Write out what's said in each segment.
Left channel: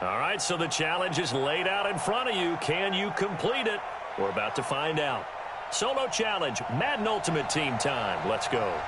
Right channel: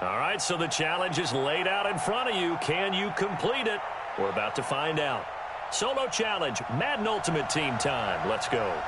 All right, so the challenge is laid out in front of you. Can you complete it? We're about to find out. Solo challenge, Madden Ultimate Team time. Let's go.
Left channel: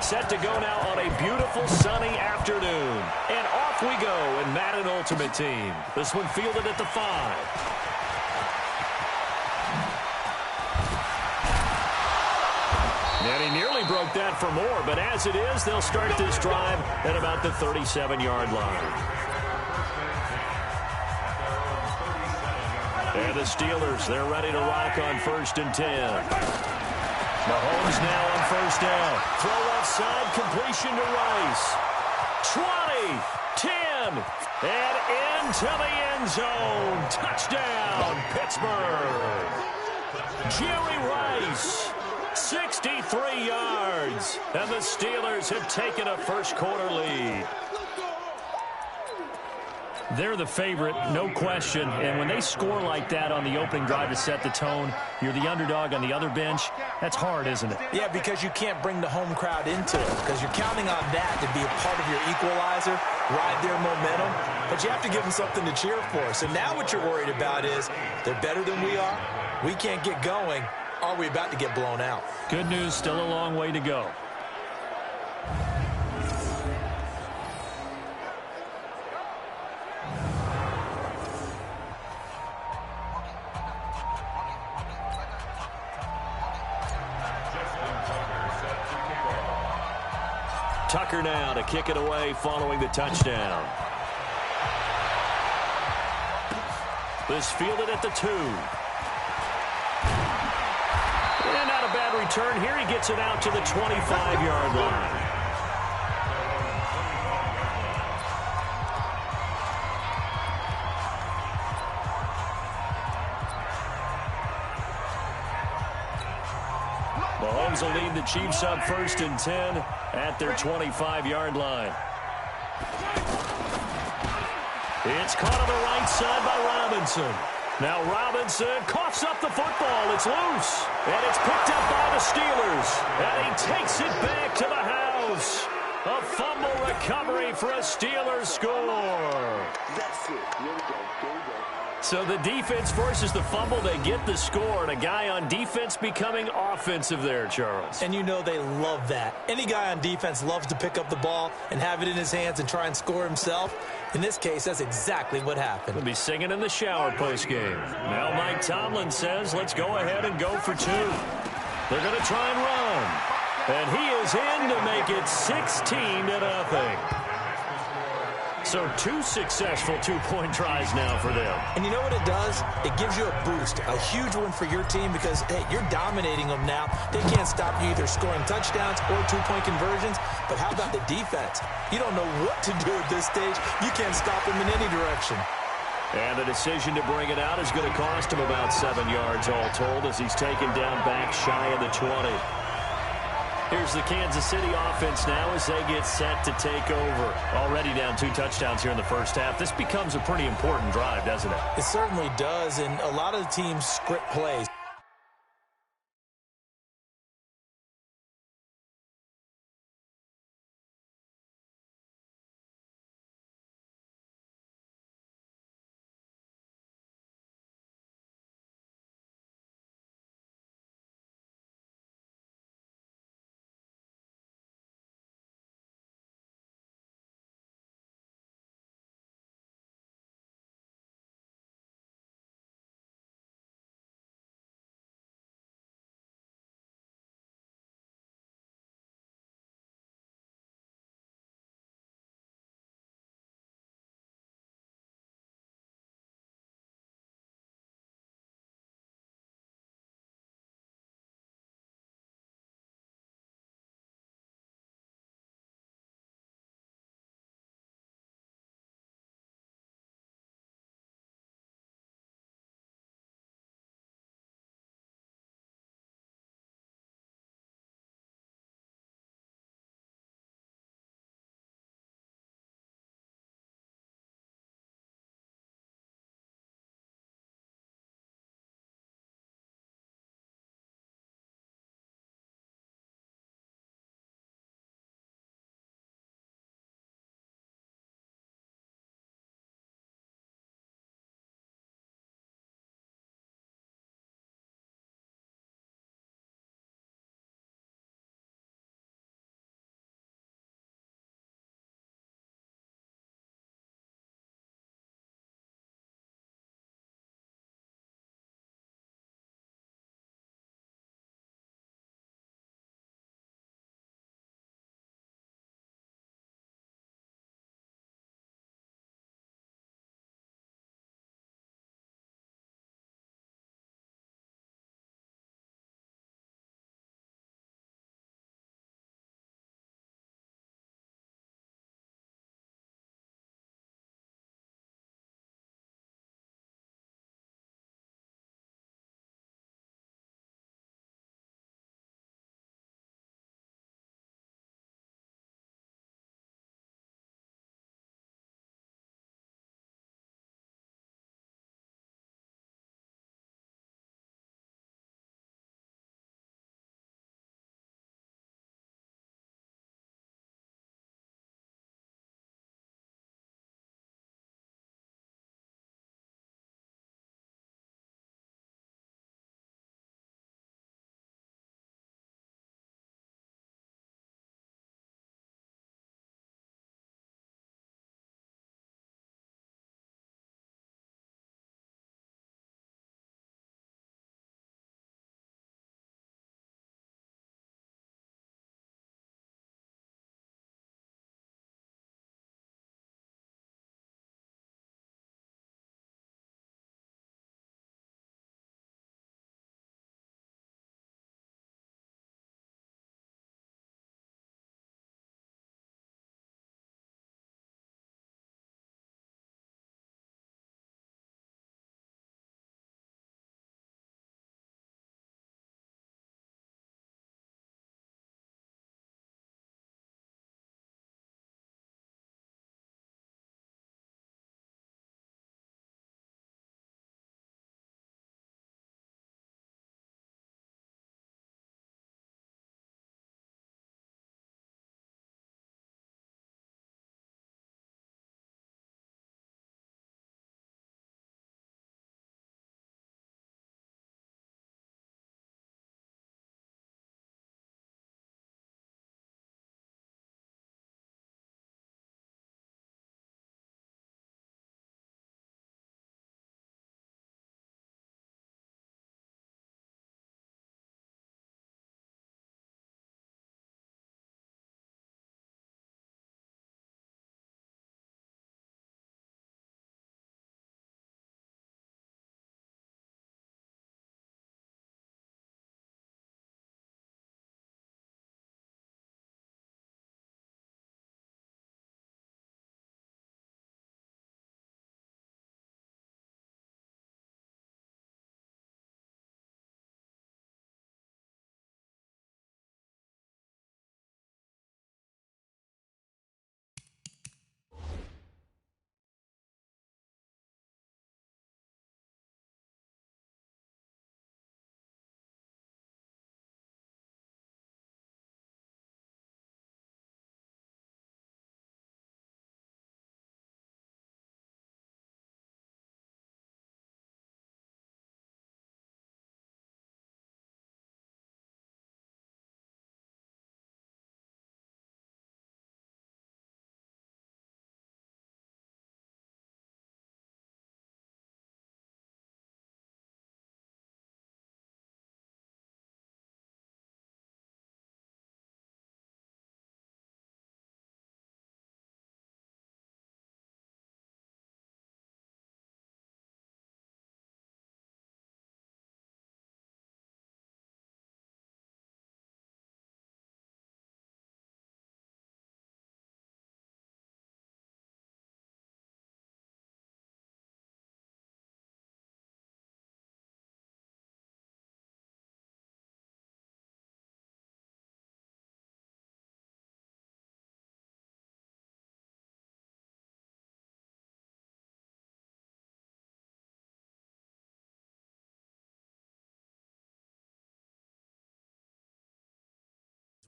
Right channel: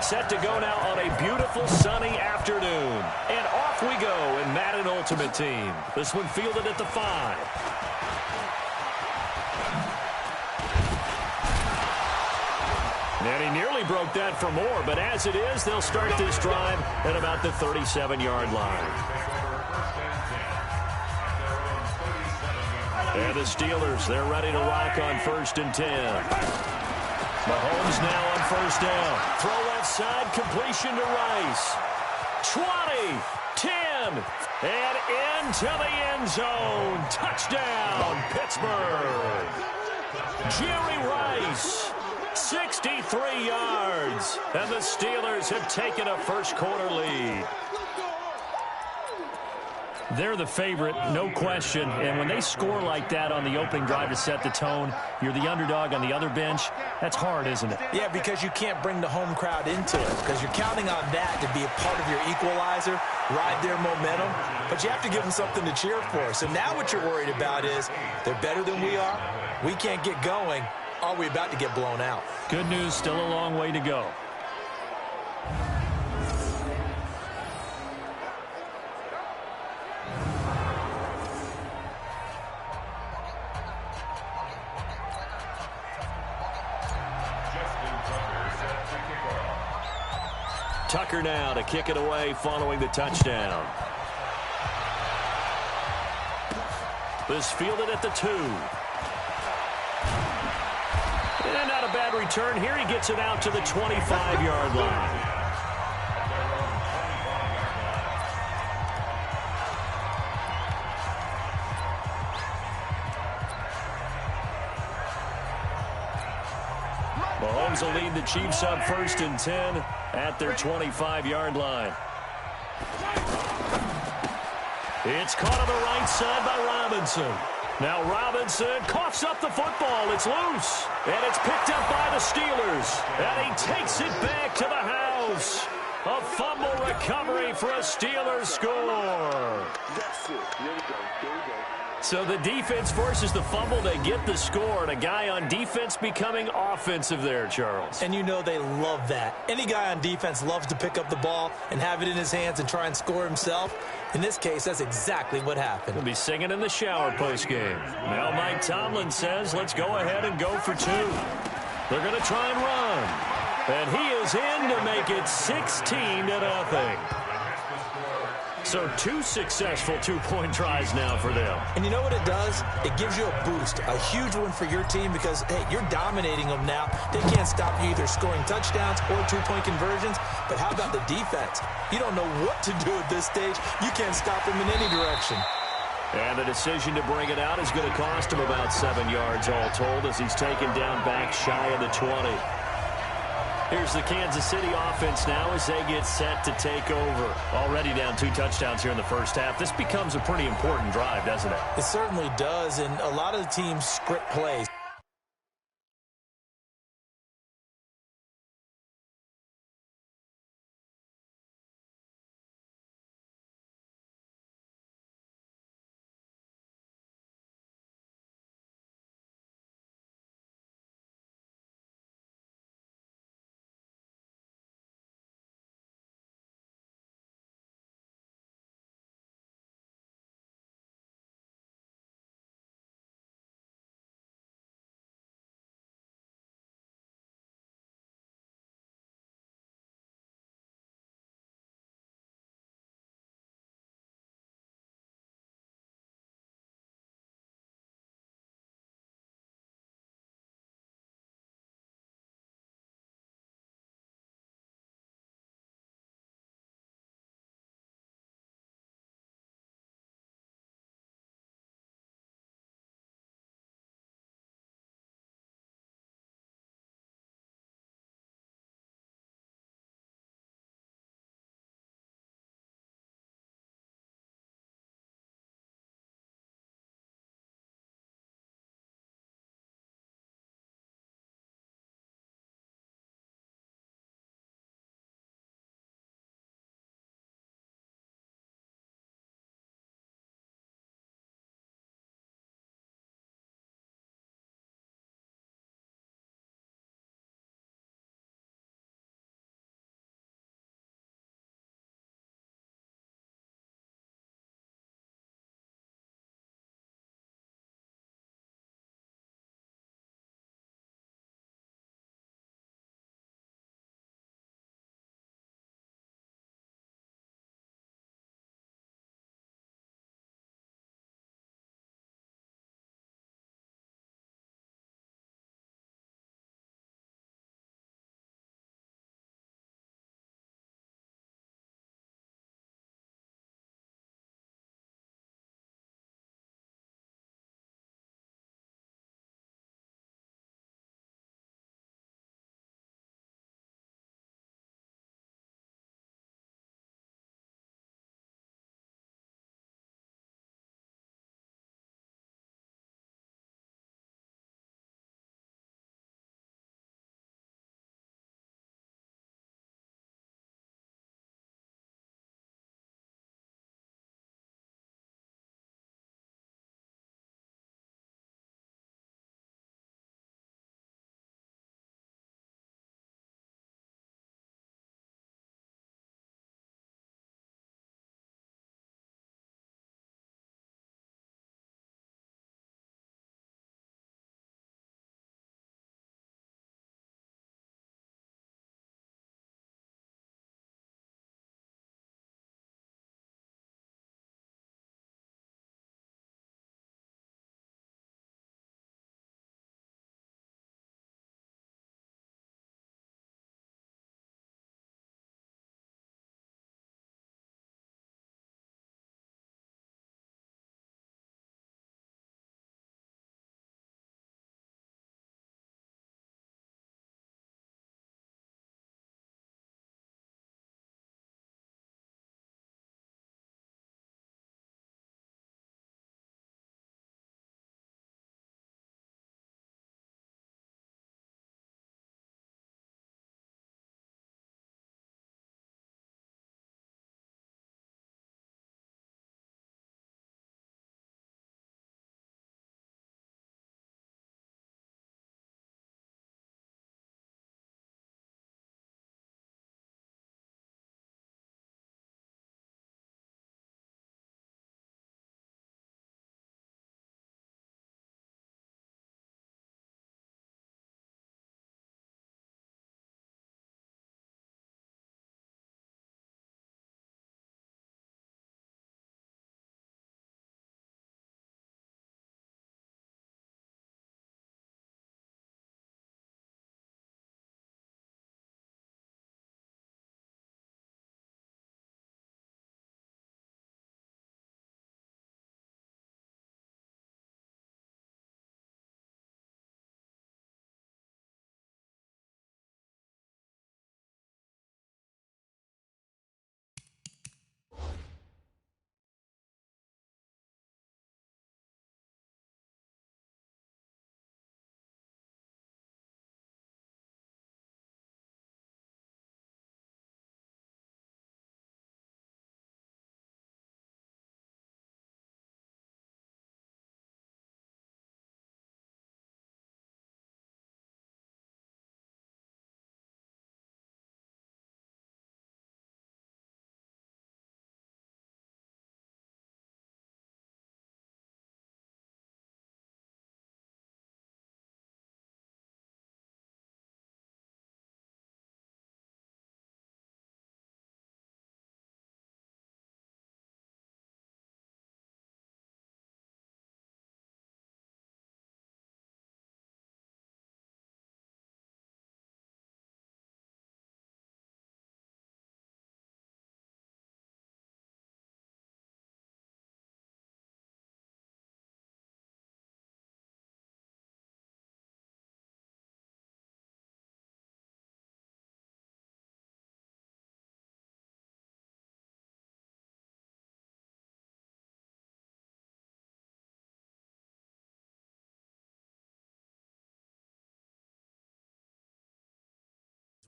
Set to go now on a beautiful sunny afternoon. And off we go in Madden Ultimate Team. This one fielded at the 5. And he nearly broke that for more, but as it is, they'll start this drive at about the 37-yard line. And the Steelers, they're ready to rock on 1st and 10. Mahomes now on 1st down. Throw left side, completion to Rice. 20, 10, and into the end zone. Touchdown, Pittsburgh. Jerry Rice, 63 yards. And the Steelers have taken a first-quarter lead. They're the favorite, no question. And when they score like that on the opening drive to set the tone, you're the underdog on the other bench. That's hard, isn't it? Yeah, because you can't bring the home crowd into it, because you're counting on that to be a part of your equalizer, ride their momentum. But you have to give them something to cheer for. So now what you're worried about is they're better than we are. We can't get going. Are we about to get blown out? Good news, still a long way to go. Tucker now to kick it away following the touchdown. This fielded at the 2. And not a bad return here. He gets it out to the 25-yard line. Mahomes will lead the Chiefs up 1st and 10 at their 25-yard line. It's caught on the right side by Robinson. Now Robinson coughs up the football. It's loose. And it's picked up by the Steelers. And he takes it back to the house. A fumble recovery for a Steelers score. That's it. Here we go. Here we go. So the defense forces the fumble. They get the score. And a guy on defense becoming offensive there, Charles. And you know they love that. Any guy on defense loves to pick up the ball and have it in his hands and try and score himself. In this case, that's exactly what happened. He'll be singing in the shower postgame. Now Mike Tomlin says, let's go ahead and go for 2. They're going to try and run. And he is in to make it 16-0. So 2 successful 2-point tries now for them. And you know what it does? It gives you a boost, a huge one for your team because, hey, you're dominating them now. They can't stop you either scoring touchdowns or 2-point conversions. But how about the defense? You don't know what to do at this stage. You can't stop them in any direction. And the decision to bring it out is going to cost him about 7 yards all told as he's taken down back shy of the 20. Here's the Kansas City offense now as they get set to take over. Already down 2 touchdowns here in the first half. This becomes a pretty important drive, doesn't it? It certainly does, and a lot of the teams script plays.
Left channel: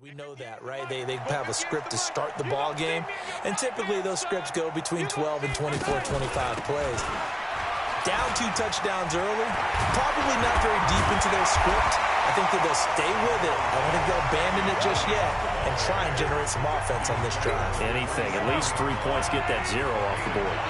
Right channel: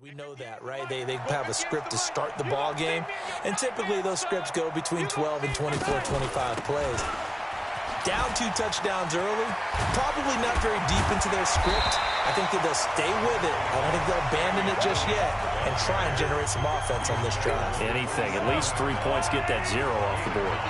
We know that, right? They have a script to start the ball game, and typically those scripts go between 12 and 24, 25 plays. Down 2 touchdowns early, probably not very deep into their script. I think that they'll stay with it. I don't think they'll abandon it just yet and try and generate some offense on this drive. Anything, at least 3 points, get that 0 off the board.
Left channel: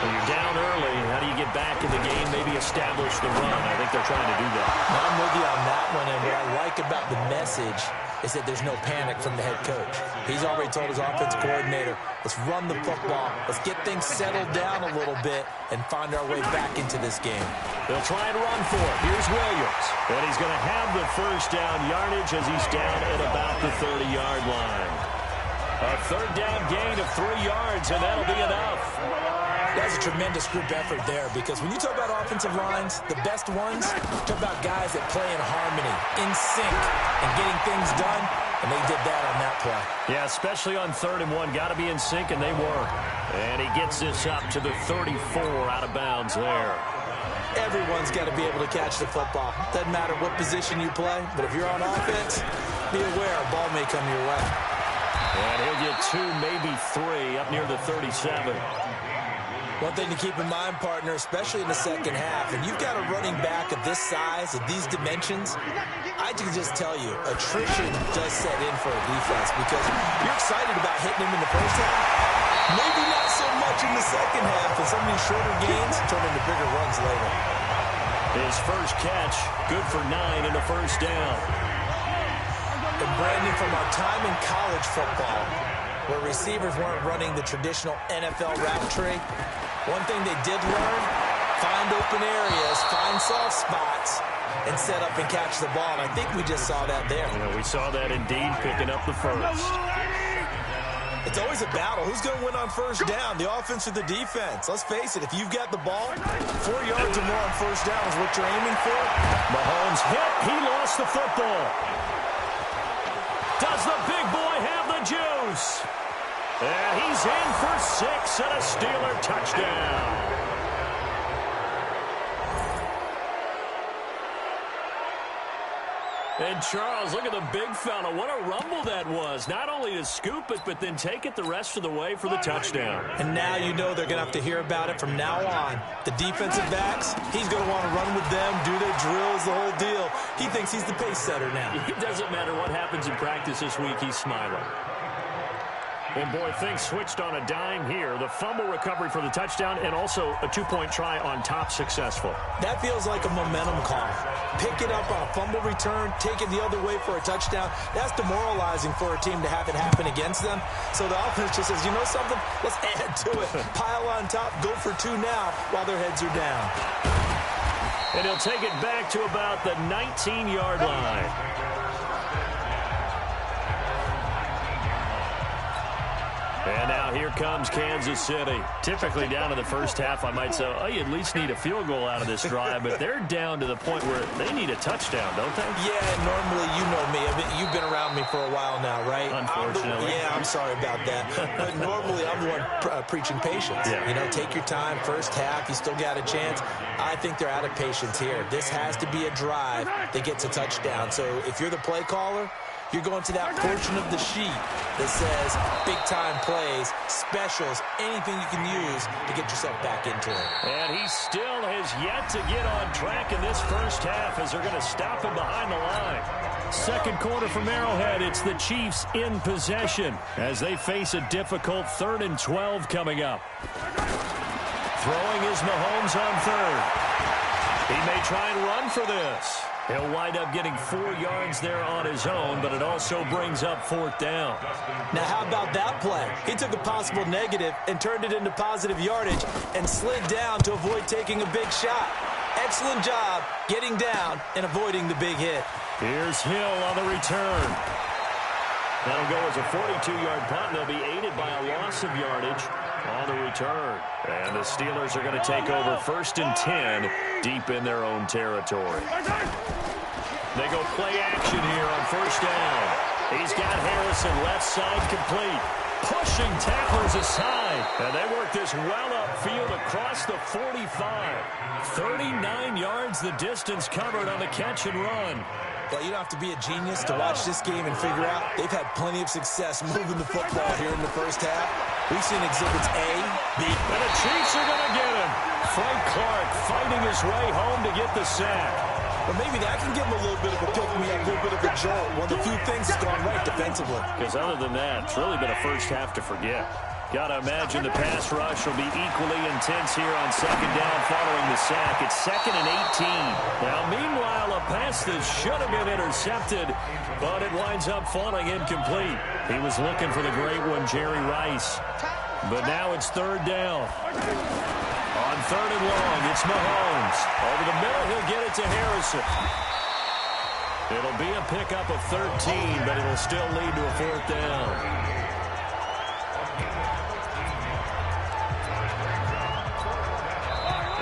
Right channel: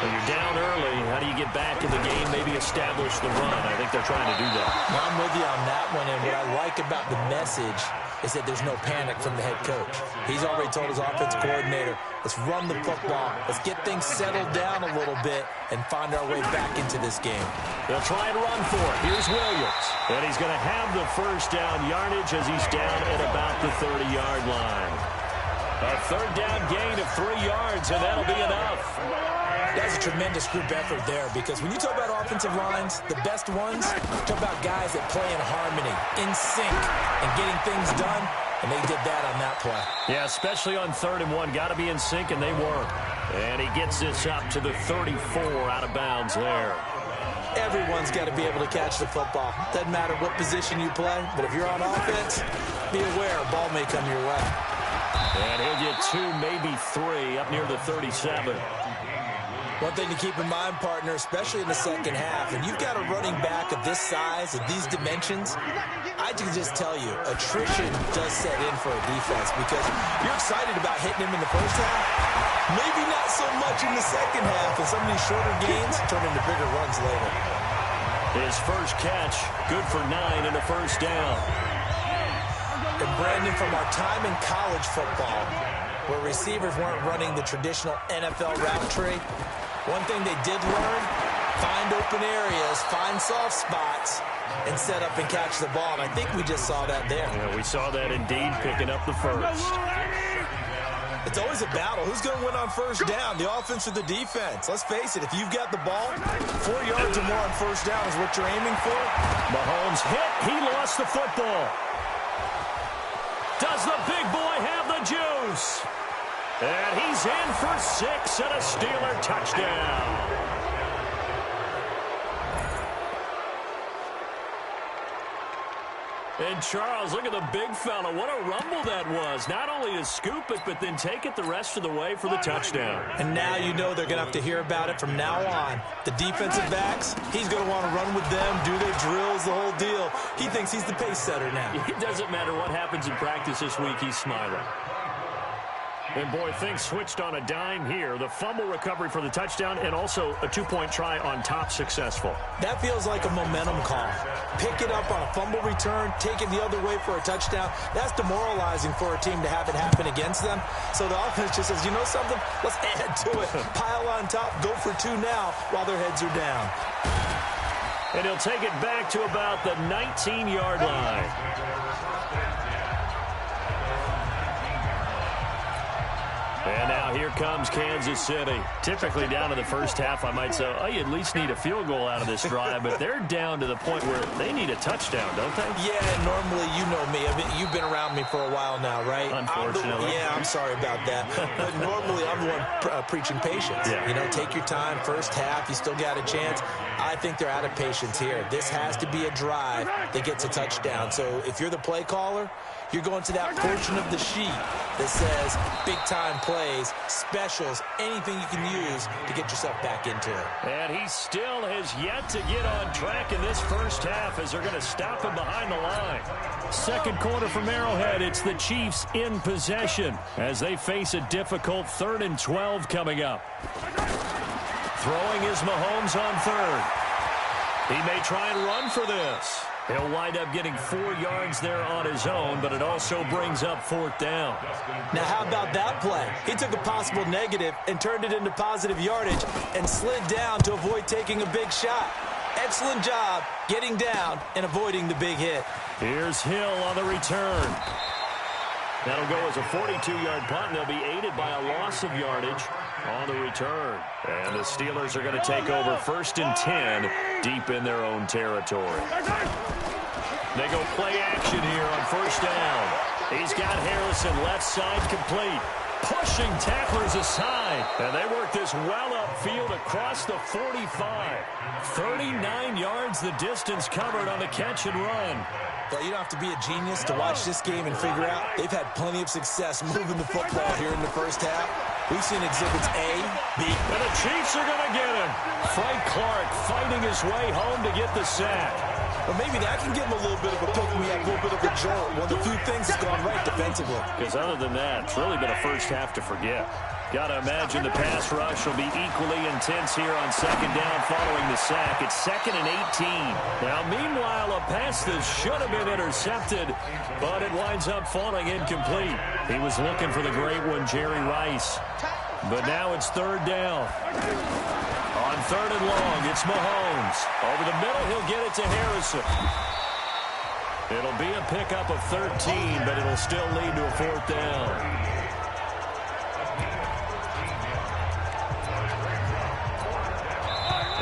When you're down early, how do you get back in the game, maybe establish the run? I think they're trying to do that. Now, I'm with you on that one, and what I like about the message is that there's no panic from the head coach. He's already told his offensive coordinator, let's run the football, let's get things settled down a little bit and find our way back into this game. They'll try and run for it. Here's Williams. And he's going to have the first down yardage as he's down at about the 30-yard line. A third down gain of 3 yards, and that'll be enough. That's a tremendous group effort there, because when you talk about offensive lines, the best ones, talk about guys that play in harmony, in sync, and getting things done, and they did that on that play. Yeah, especially on 3rd and 1. Got to be in sync, and they were. And he gets this up to the 34 out of bounds there. Everyone's got to be able to catch the football. Doesn't matter what position you play, but if you're on offense, be aware a ball may come your way. And he'll get 2, maybe 3, up near the 37. One thing to keep in mind, partner, especially in the second half, and you've got a running back of this size, of these dimensions, I can just tell you, attrition does set in for a defense, because you're excited about hitting him in the first half, maybe not so much in the second half, and some of these shorter gains turn into bigger runs later. His first catch, good for 9 and a first down. And Brandon, from our time in college football, where receivers weren't running the traditional NFL route tree, one thing they did learn, find open areas, find soft spots, and set up and catch the ball. And I think we just saw that there. Yeah, we saw that indeed, picking up the first. It's always a battle. Who's going to win on first down, the offense or the defense? Let's face it, if you've got the ball, 4 yards or more on first down is what you're aiming for. Mahomes hit. He lost the football. Does the big boy have the juice? And he's in for 6 and a Steeler touchdown. And Charles, look at the big fella. What a rumble that was. Not only to scoop it, but then take it the rest of the way for the touchdown. And now you know they're going to have to hear about it from now on. The defensive backs, he's going to want to run with them, do their drills, the whole deal. He thinks he's the pace setter now. It doesn't matter what happens in practice this week, he's smiling. And, boy, things switched on a dime here. The fumble recovery for the touchdown and also a 2-point try on top successful. That feels like a momentum call. Pick it up on a fumble return, take it the other way for a touchdown. That's demoralizing for a team to have it happen against them. So the offense just says, you know something? Let's add to it. Pile on top, go for 2 now while their heads are down. And he'll take it back to about the 19-yard line. And now here comes Kansas City. Typically down to the first half, I might say, oh, you at least need a field goal out of this drive. But they're down to the point where they need a touchdown, don't they? Yeah, normally, you know me. I mean, you've been around me for a while now, right? Unfortunately. I'm sorry about that. But normally, I'm the one preaching patience. Yeah. You know, take your time. First half, you still got a chance. I think they're out of patience here. This has to be a drive that gets a touchdown. So if you're the play caller, you're going to that portion of the sheet that says big-time plays, specials, anything you can use to get yourself back into it. And he still has yet to get on track in this first half as they're going to stop him behind the line. Second quarter from Arrowhead, it's the Chiefs in possession as they face a difficult 3rd and 12 coming up. Throwing is Mahomes on 3rd. He may try and run for this. He'll wind up getting 4 yards there on his own, but it also brings up 4th down. Now, how about that play? He took a possible negative and turned it into positive yardage and slid down to avoid taking a big shot. Excellent job getting down and avoiding the big hit. Here's Hill on the return. That'll go as a 42-yard punt, and they'll be aided by a loss of yardage on the return. And the Steelers are going to take over 1st and 10 deep in their own territory. They go play action here on 1st down. He's got Harrison left side complete. Pushing tacklers aside. And they work this well upfield across the 45. 39 yards the distance covered on the catch and run. Well, you don't have to be a genius to watch this game and figure out they've had plenty of success moving the football here in the first half. We've seen exhibits A, B. And the Chiefs are going to get him. Frank Clark fighting his way home to get the sack. But maybe that can give him a little bit of a pick-me-up, a little bit of a jolt. One of the few things that's gone right defensively. Because other than that, it's really been a first half to forget. Got to imagine the pass rush will be equally intense here on second down following the sack. It's 2nd and 18. Now, meanwhile, a pass that should have been intercepted, but it winds up falling incomplete. He was looking for the great one, Jerry Rice. But now it's 3rd down. On 3rd and long, it's Mahomes. Over the middle, he'll get it to Harrison. It'll be a pickup of 13, but it'll still lead to a 4th down.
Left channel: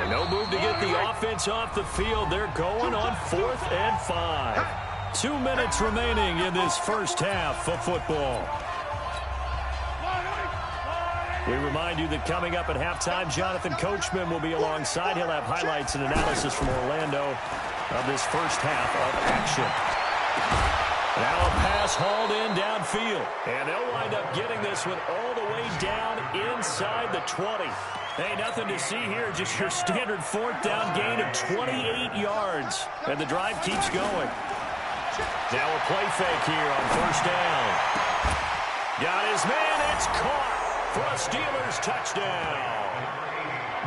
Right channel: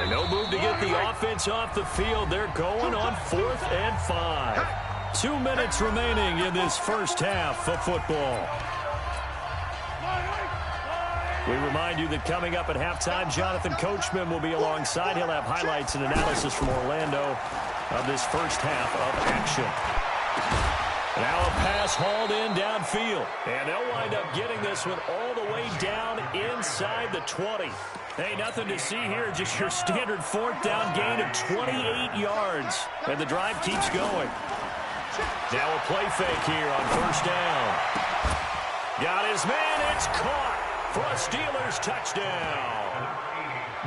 And no move to get the offense off the field. They're going on 4th and 5. 2 minutes remaining in this first half of football. We remind you that coming up at halftime, Jonathan Coachman will be alongside. He'll have highlights and analysis from Orlando of this first half of action. Now a pass hauled in downfield. And they'll wind up getting this one all the way down inside the 20. Hey, nothing to see here, just your standard 4th down gain of 28 yards. And the drive keeps going. Now a play fake here on 1st down. Got his man, it's caught for a Steelers touchdown.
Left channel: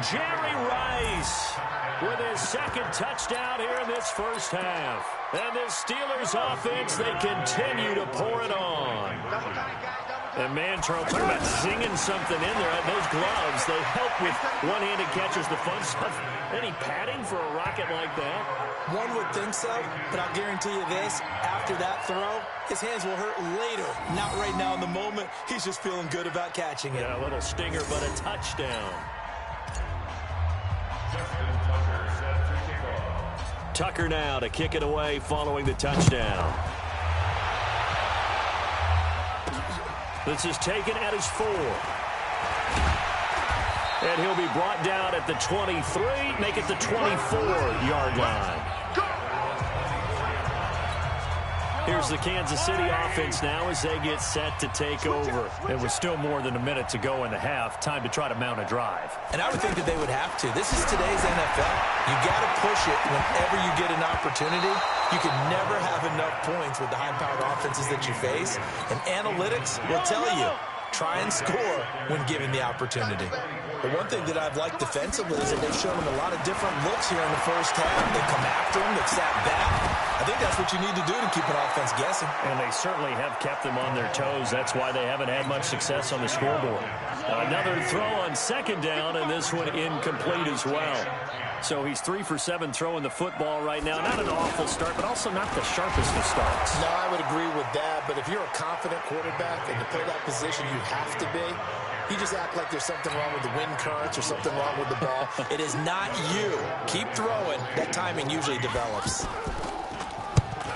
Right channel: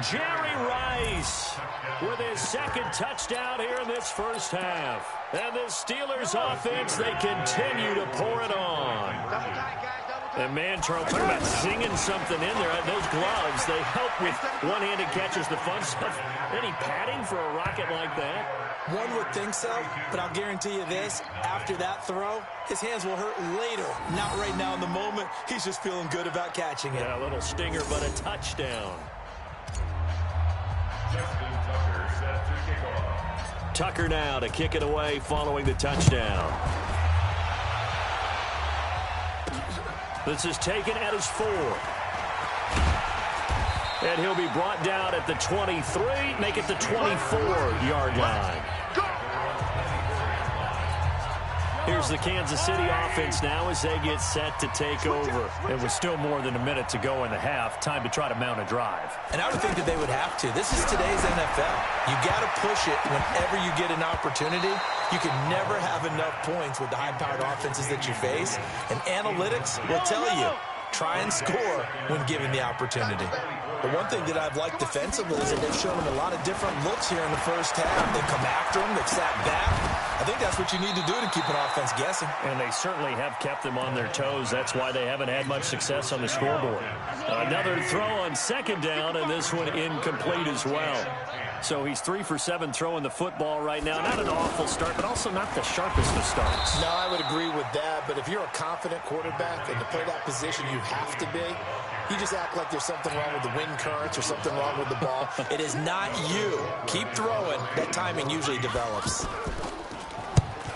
Jerry Rice with his 2nd touchdown here in this first half. And the Steelers offense, they continue to pour it on. And man, Charles, talking about singing something in there. Those gloves, they help with one-handed catches, the fun stuff. Any padding for a rocket like that? One would think so, but I'll guarantee you this. After that throw, his hands will hurt later. Not right now in the moment. He's just feeling good about catching it. Yeah, a little stinger, but a touchdown. Justin Tucker set to kick off. Tucker now to kick it away following the touchdown. This is taken at his 4. And he'll be brought down at the 23, make it the 24-yard line. Here's the Kansas City offense now as they get set to take over. It was still more than a minute to go in the half. Time to try to mount a drive. And I would think that they would have to. This is today's NFL. You got to push it whenever you get an opportunity. You can never have enough points with the high-powered offenses that you face. And analytics will tell you, try and score when given the opportunity. But one thing that I've liked defensively is that they've shown them a lot of different looks here in the first half. They've come after them. They've sat back. I think that's what you need to do to keep an offense guessing. And they certainly have kept them on their toes. That's why they haven't had much success on the scoreboard. Another throw on 2nd down, and this one incomplete as well. So he's 3 for 7 throwing the football right now. Not an awful start, but also not the sharpest of starts. No, I would agree with that. But if you're a confident quarterback and to play that position, you have to be. You just act like there's something wrong with the wind currents or something wrong with the ball. It is not you. Keep throwing. That timing usually develops.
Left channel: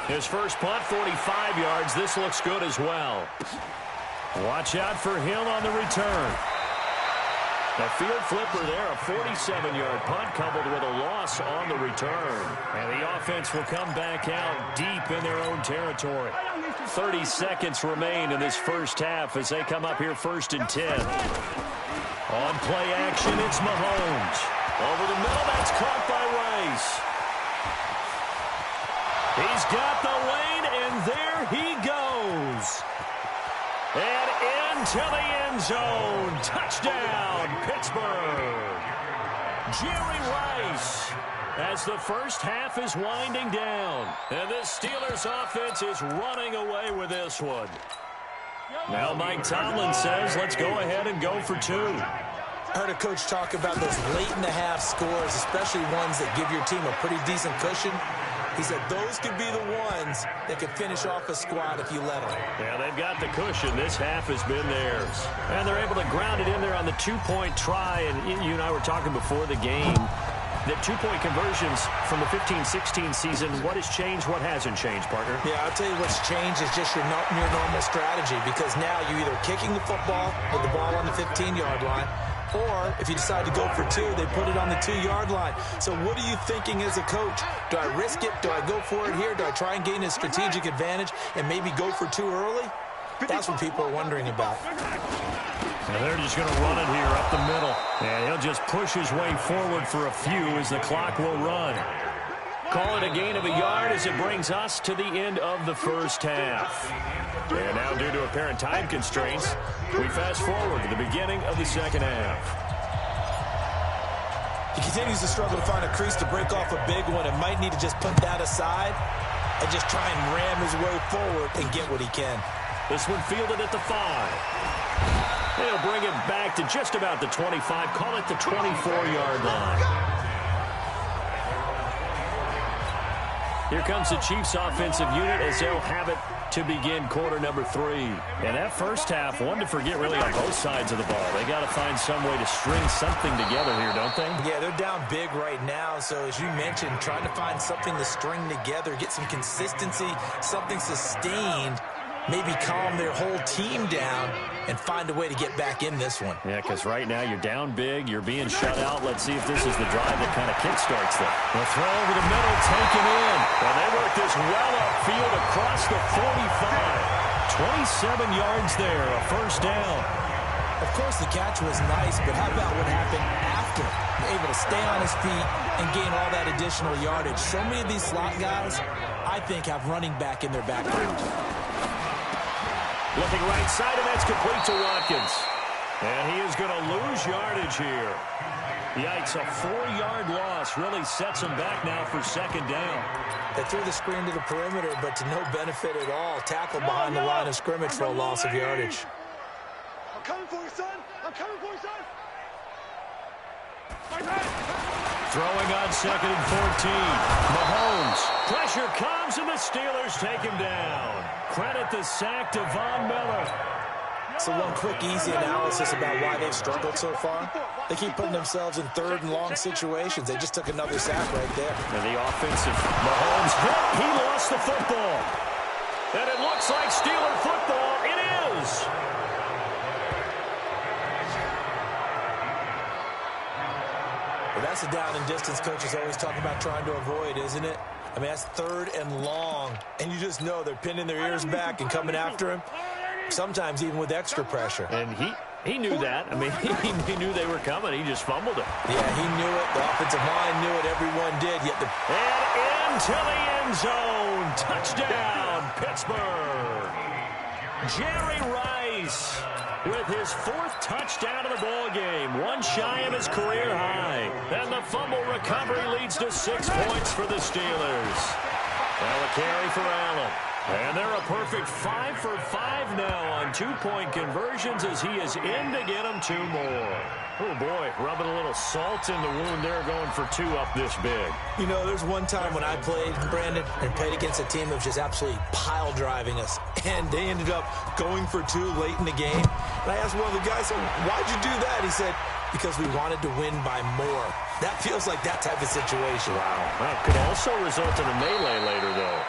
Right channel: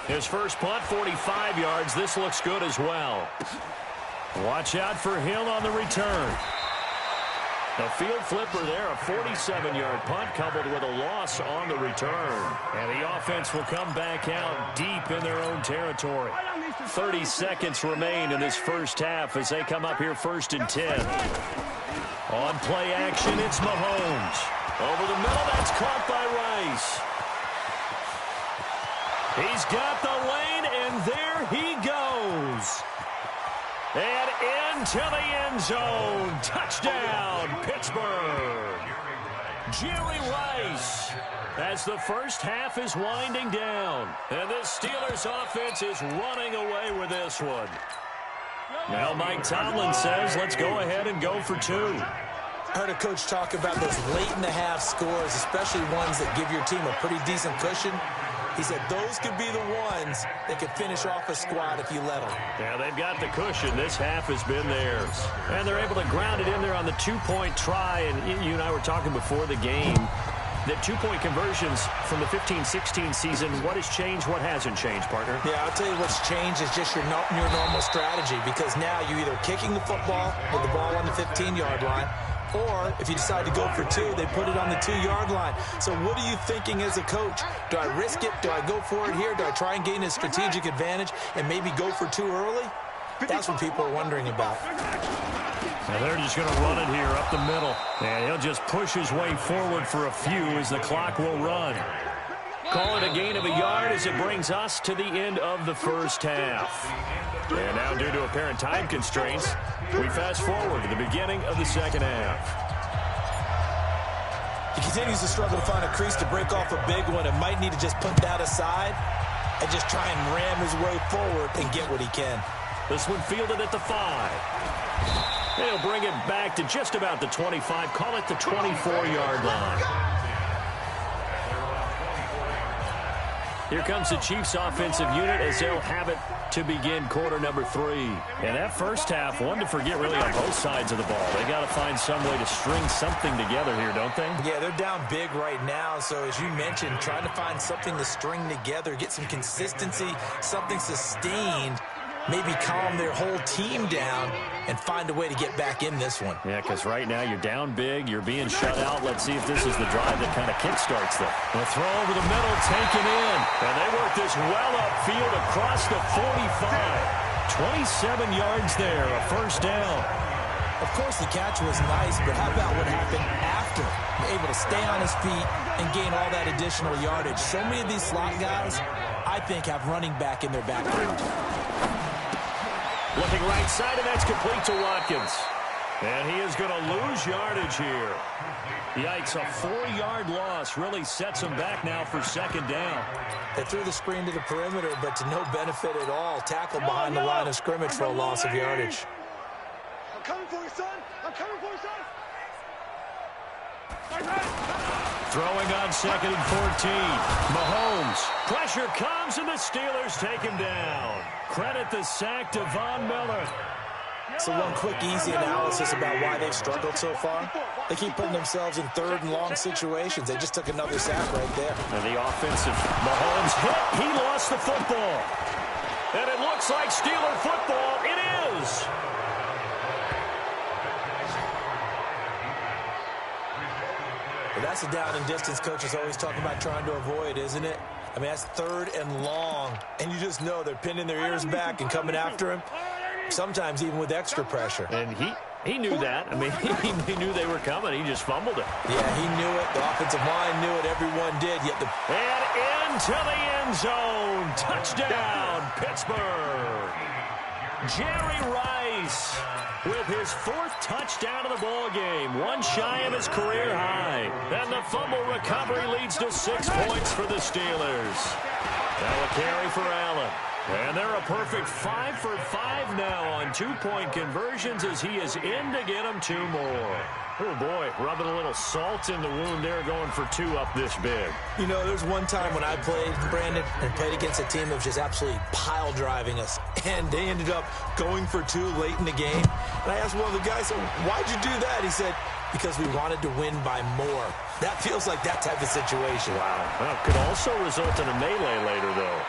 His first punt, 45 yards. This looks good as well. Watch out for Hill on the return. A field flipper there, a 47-yard punt coupled with a loss on the return. And the offense will come back out deep in their own territory. 30 seconds remain in this first half as they come up here 1st and 10. On play action, it's Mahomes. Over the middle, that's caught by Rice. He's got the lane, and there he goes. And into the end zone. Touchdown, Pittsburgh. Jerry Rice as the first half is winding down. And this Steelers offense is running away with this one. Now Mike Tomlin says, let's go ahead and go for 2. I heard a coach talk about those late-in-the-half scores, especially ones that give your team a pretty decent cushion. He said those could be the ones that could finish off a squad if you let them. Yeah, they've got the cushion. This half has been theirs. And they're able to ground it in there on the 2-point try. And you and I were talking before the game that 2-point conversions from the 15-16 season, what has changed, what hasn't changed, partner? Yeah, I'll tell you what's changed is just your normal strategy, because now you're either kicking the football with the ball on the 15-yard line, Or if you decide to go for 2, they put it on the 2-yard line. So what are you thinking as a coach? Do I risk it? Do I go for it here? Do I try and gain a strategic advantage and maybe go for 2 early? That's what people are wondering about. Now they're just going to run it here up the middle. And he'll just push his way forward for a few as the clock will run. Call it a gain of a yard as it brings us to the end of the first half. And now, due to apparent time constraints, we fast forward to the beginning of the second half. He continues to struggle to find a crease to break off a big one and might need to just put that aside and just try and ram his way forward and get what he can. This one fielded at the 5. They'll bring it back to just about the 25, call it the 24-yard line. Here comes the Chiefs offensive unit as they'll have it to begin quarter number 3. And that first half, one to forget really on both sides of the ball. They got to find some way to string something together here, don't they? Yeah, they're down big right now. So as you mentioned, trying to find something to string together, get some consistency, something sustained, maybe calm their whole team down and find a way to get back in this one. Yeah, because right now you're down big, you're being shut out. Let's see if this is the drive that kind of kickstarts them. The throw over the middle, taken in. And they work this well upfield across the 45. 27 yards there, a first down. Of course, the catch was nice, but how about what happened after? Able to stay on his feet and gain all that additional yardage. So many of these slot guys, I think, have running back in their background. Looking right side, and that's complete to Watkins. And he is going to lose yardage here. Yikes, a 4-yard loss really sets him back now for second down. They threw the screen to the perimeter, but to no benefit at all. Tackled behind the line of scrimmage for a loss of yardage. I'm coming for you, son. I'm coming for you, son. Throwing on second and 14. Mahomes. Pressure comes, and the Steelers take him down. Credit the sack to Von Miller. So one quick, easy analysis about why they've struggled so far. They keep putting themselves in 3rd and long situations. They just took another sack right there. And the offensive Mahomes hit. He lost the football. And it looks like Steeler football. It is. Well, that's a down and distance coaches always talk about trying to avoid, isn't it? I mean, that's 3rd and long. And you just know they're pinning their ears back and coming after him. Sometimes even with extra pressure. And he knew that. I mean, he knew they were coming. He just fumbled it. Yeah, he knew it. The offensive line knew it. Everyone did. Yet and into the end zone. Touchdown, Pittsburgh. Jerry Rice with his 4th touchdown of the ball game. One shy of his career high. And the fumble recovery leads to 6 points for the Steelers. Now a carry for Allen. And they're a perfect 5 for 5 now on 2-point conversions as he is in to get them 2 more. Oh, boy, rubbing a little salt in the wound there, going for 2 up this big. You know, there's one time when I played, Brandon, and played against a team that was just absolutely pile driving us. And they ended up going for 2 late in the game. And I asked one of the guys, so why'd you do that? He said, because we wanted to win by more. That feels like that type of situation. Wow. Well, could also result in a melee later, though.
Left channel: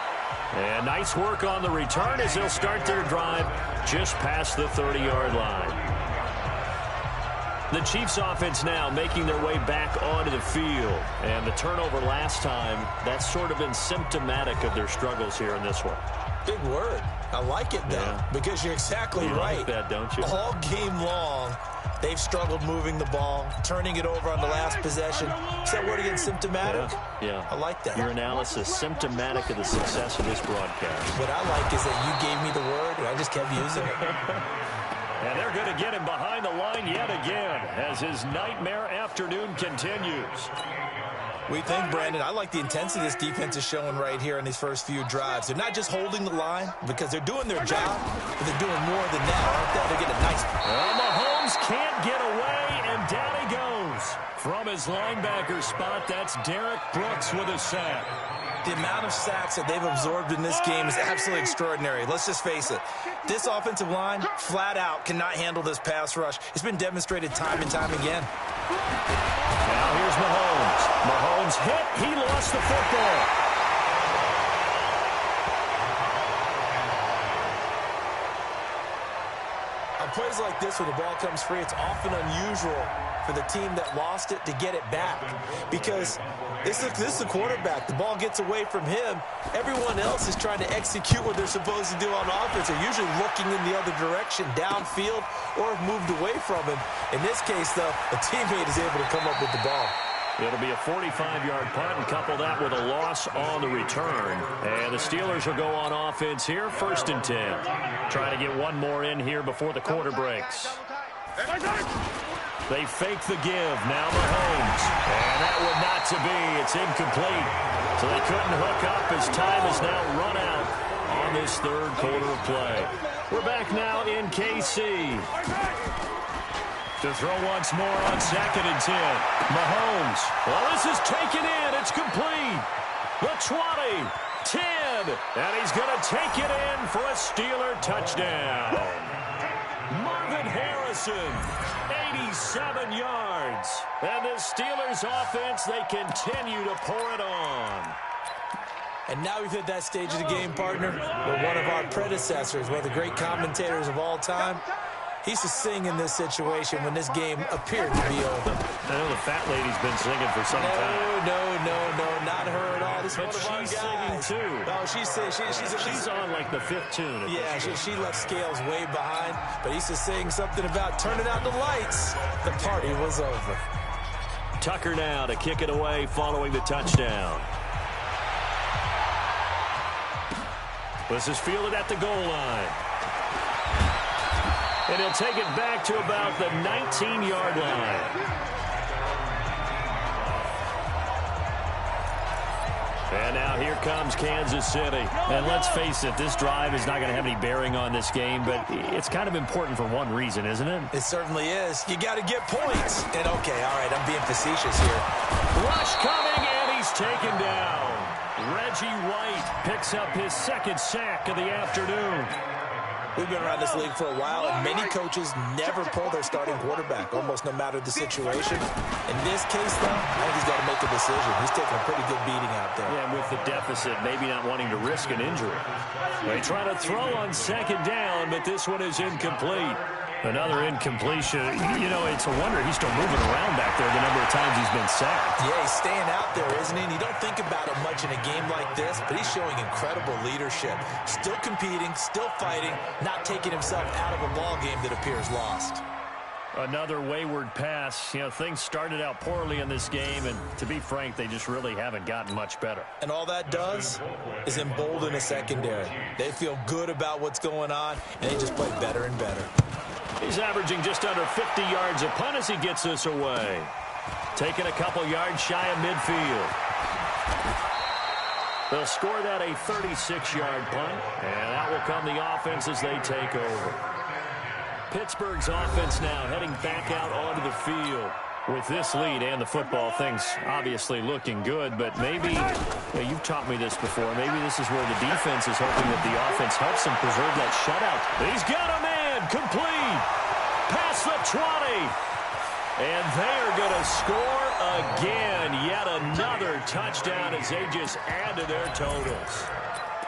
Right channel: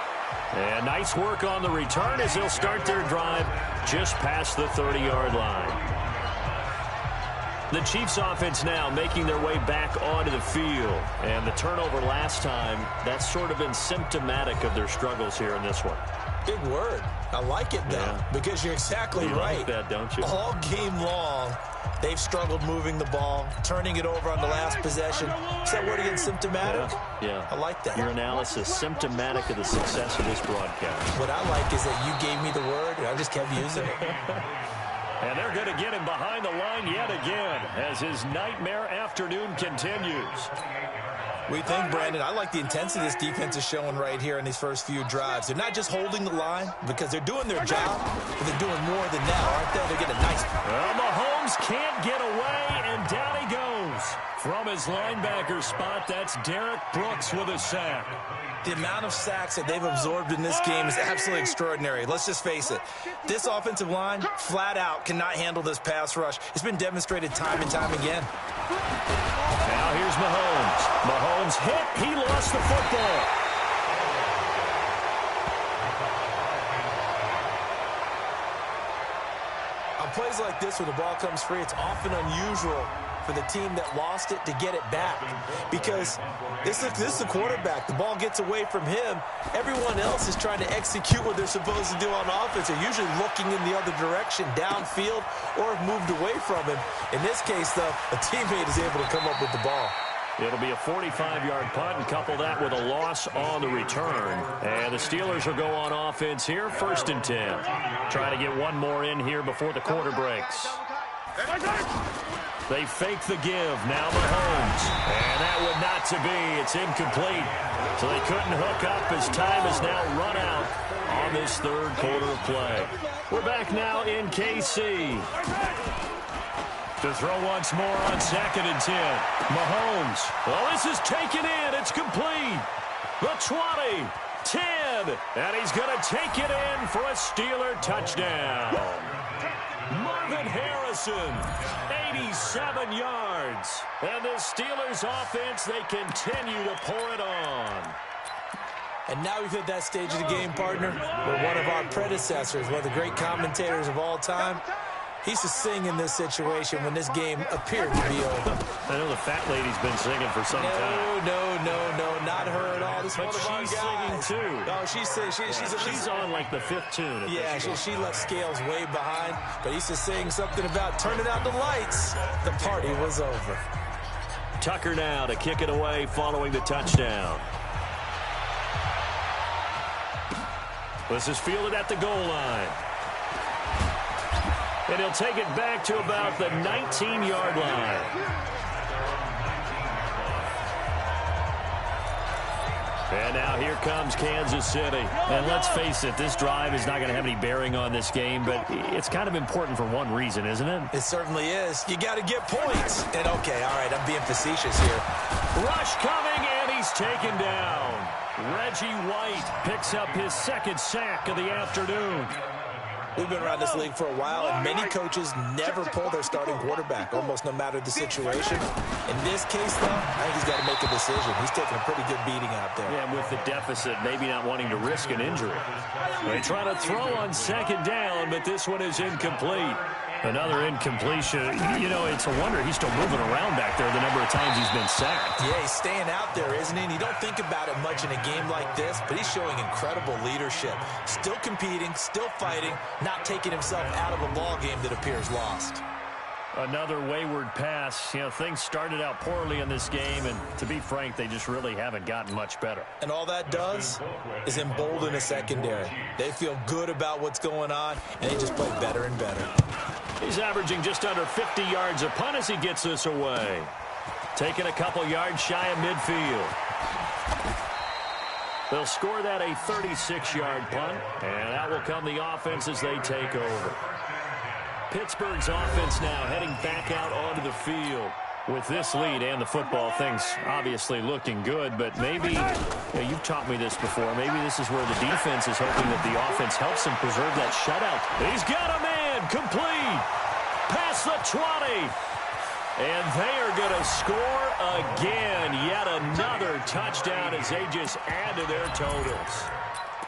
And nice work on the return as they'll start their drive just past the 30-yard line. The Chiefs offense now making their way back onto the field. And the turnover last time, that's sort of been symptomatic of their struggles here in this one. Big word. I like it, though, because you're exactly right. Like that, don't you? All game long, they've struggled moving the ball, turning it over on the last possession. Is that word again, symptomatic? Yeah. I like that. Your analysis, symptomatic of the success of this broadcast. What I like is that you gave me the word, and I just kept using it. And they're going to get him behind the line yet again as his nightmare afternoon continues. We think, Brandon, I like the intensity this defense is showing right here in these first few drives. They're not just holding the line because they're doing their job, but they're doing more than that, aren't they? They're getting a nice... Well, Mahomes can't get away, and down he goes. From his linebacker spot, that's Derek Brooks with a sack. The amount of sacks that they've absorbed in this game is absolutely extraordinary. Let's just face it. This offensive line, flat out, cannot handle this pass rush. It's been demonstrated time and time again. Now here's Mahomes. Mahomes hit. He lost the football. On plays like this, when the ball comes free, it's often unusual for the team that lost it to get it back. Because this is the quarterback. The ball gets away from him. Everyone else is trying to execute what they're supposed to do on offense. They're usually looking in the other direction, downfield, or have moved away from him. In this case, though, a teammate is able to come up with the ball. It'll be a 45-yard punt, and couple that with a loss on the return. And the Steelers will go on offense here, 1st and 10. Trying to get one more in here before the quarter breaks. They fake the give. Now Mahomes. And that would not to be. It's incomplete. So they couldn't hook up as time is now run out on this third quarter of play. We're back now in KC. To throw once more on 2nd and 10. Mahomes. Well, this is taken in. It's complete. The 20, 10. And he's going to take it in for a Steeler touchdown. Marvin Harrison, 87 yards. And the Steelers offense, they continue to pour it on. And now we've hit that stage of the game, partner, where one of our predecessors, one of the great commentators of all time, he used to sing in this situation when this game appeared to be over. I know the fat lady's been singing for some time. No, not her at all. This is but one of our she's guys. singing too. No, she's on like the 5th tune. Yeah, she left Scales way behind, but he used to sing something about turning out the lights. The party was over. Tucker now to kick it away following the touchdown. This is fielded at the goal line. And he'll take it back to about the 19-yard line. And now here comes Kansas City. And let's face it, this drive is not going to have any bearing on this game, but it's kind of important for one reason, isn't it? It certainly is. You got to get points. And okay, all right, I'm being facetious here. Rush coming, and he's taken down. Reggie White picks up his 2nd sack of the afternoon. We've been around this league for a while, and many coaches never pull their starting quarterback, almost no matter the situation. In this case, though, I think he's got to make a decision. He's taking a pretty good beating out there. Yeah, and with the deficit, maybe not wanting to risk an injury. They try to throw on 2nd down, but this one is incomplete. Another incompletion. You know, it's a wonder he's still moving around back there the number of times he's been sacked. Yeah, he's staying out there, isn't he? And you don't think about it much in a game like this, but he's showing incredible leadership. Still competing, still fighting, not taking himself out of a ball game that appears lost. Another wayward pass. You know, things started out poorly in this game, and to be frank, they just really haven't gotten much better. And all that does is embolden a secondary. They feel good about what's going on, and they just play better and better. He's averaging just under 50 yards a punt as he gets this away. Taking a couple yards shy of midfield. They'll score that a 36-yard punt, and out will come the offense as they take over. Pittsburgh's offense now heading back out onto the field. With this lead and the football, things obviously looking good, but maybe, you've taught me this before, maybe this is where the defense is hoping that the offense helps them preserve that shutout. He's got a man, complete, past the 20, and they are going to score again. Yet another touchdown as they just add to their totals.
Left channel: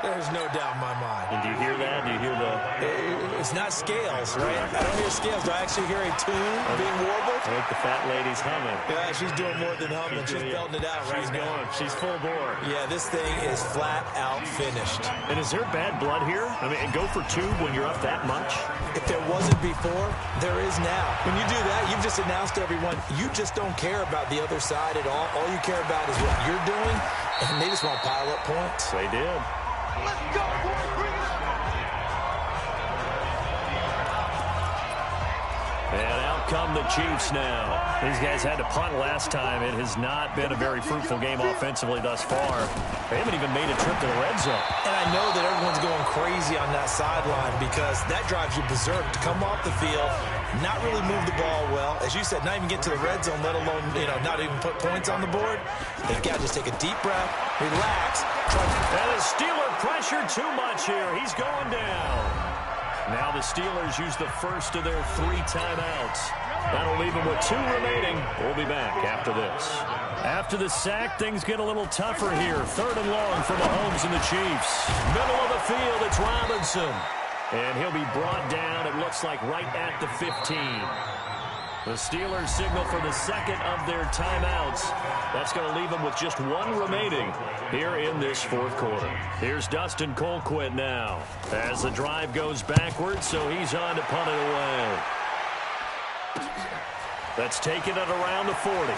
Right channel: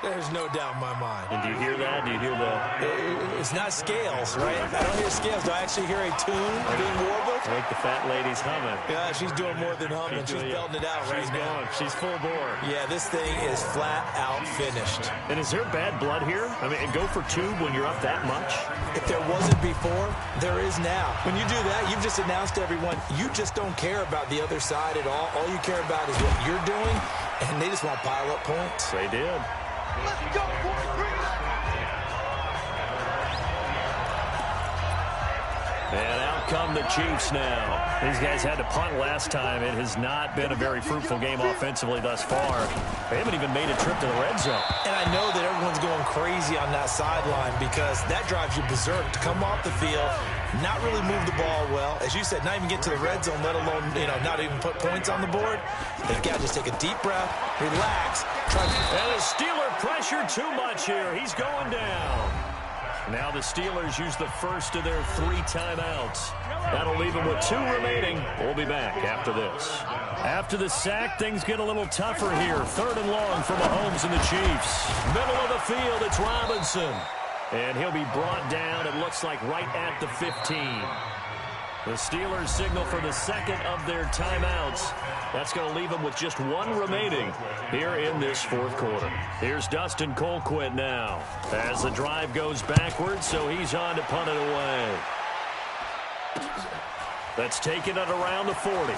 There's no doubt in my mind. And do you hear that? Do you hear the... It's not scales, right? I don't hear scales. Do I actually hear a tune being warbled? I think the fat lady's humming. Yeah, she's doing more than humming. She's belting it out right now. She's full bore. Yeah, this thing is flat out finished. And is there bad blood here? I mean, go for two when you're up that much? If there wasn't before, there is now. When you do that, you've just announced to everyone, you just don't care about the other side at all. All you care about is what you're doing, and they just want to pile up points. They did. Let's go, boys. Bring it up. And out come the Chiefs now. These guys had to punt last time. It has not been a very fruitful game offensively thus far. They haven't even made a trip to the red zone. And I know that everyone's going crazy on that sideline because that drives you berserk to come off the field, not really move the ball well. As you said, not even get to the red zone, let alone, not even put points on the board. They've got to just take a deep breath, relax. And the Steeler pressure too much here. He's going down. Now the Steelers use the first of their 3 timeouts. That'll leave them with 2 remaining. We'll be back after this. After the sack, things get a little tougher here. 3rd and long for Mahomes and the Chiefs. Middle of the field, it's Robinson. And he'll be brought down, it looks like, right at the 15. The Steelers signal for the second of their timeouts. That's going to leave them with just one remaining here in this fourth quarter. Here's Dustin Colquitt now as the drive goes backwards, so he's on to punt it away. That's taken it around the 40.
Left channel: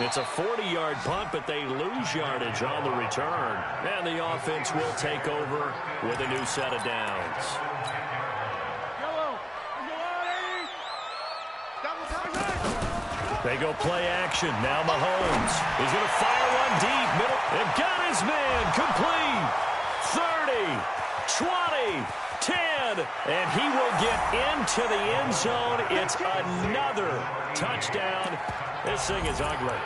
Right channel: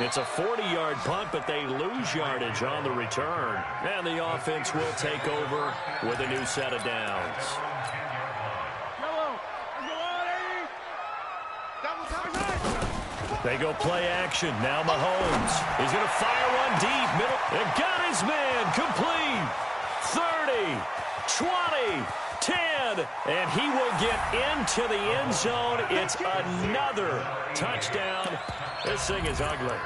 It's a 40-yard punt, but they lose yardage on the return. And the offense will take over with a new set of downs. They go play action. Now Mahomes. He's going to fire one deep. Middle. And got his man. Complete. 30, 20, 10. And he will get into the end zone. It's another touchdown. This thing is ugly.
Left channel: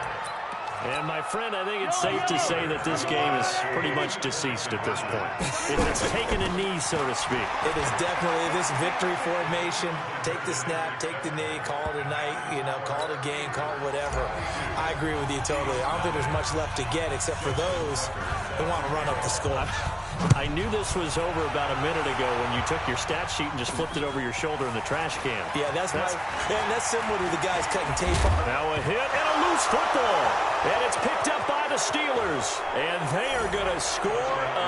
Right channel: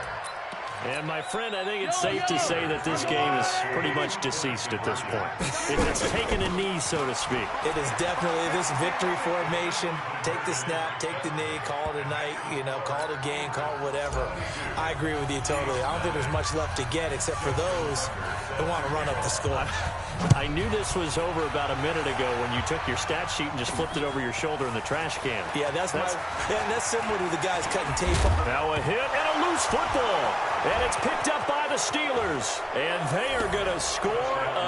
And, my friend, I think it's safe to say that this game is pretty much deceased at this point. It's taken a knee, so to speak. It is definitely this victory formation. Take the snap, take the knee, call it a night, call it a game, call it whatever. I agree with you totally. I don't think there's much left to get except for those who want to run up the score. I knew this was over about a minute ago when you took your stat sheet and just flipped it over your shoulder in the trash can. Yeah, that's similar to the guys cutting tape off. Now a hit and a loose football. And it's picked up by the Steelers. And they are going to score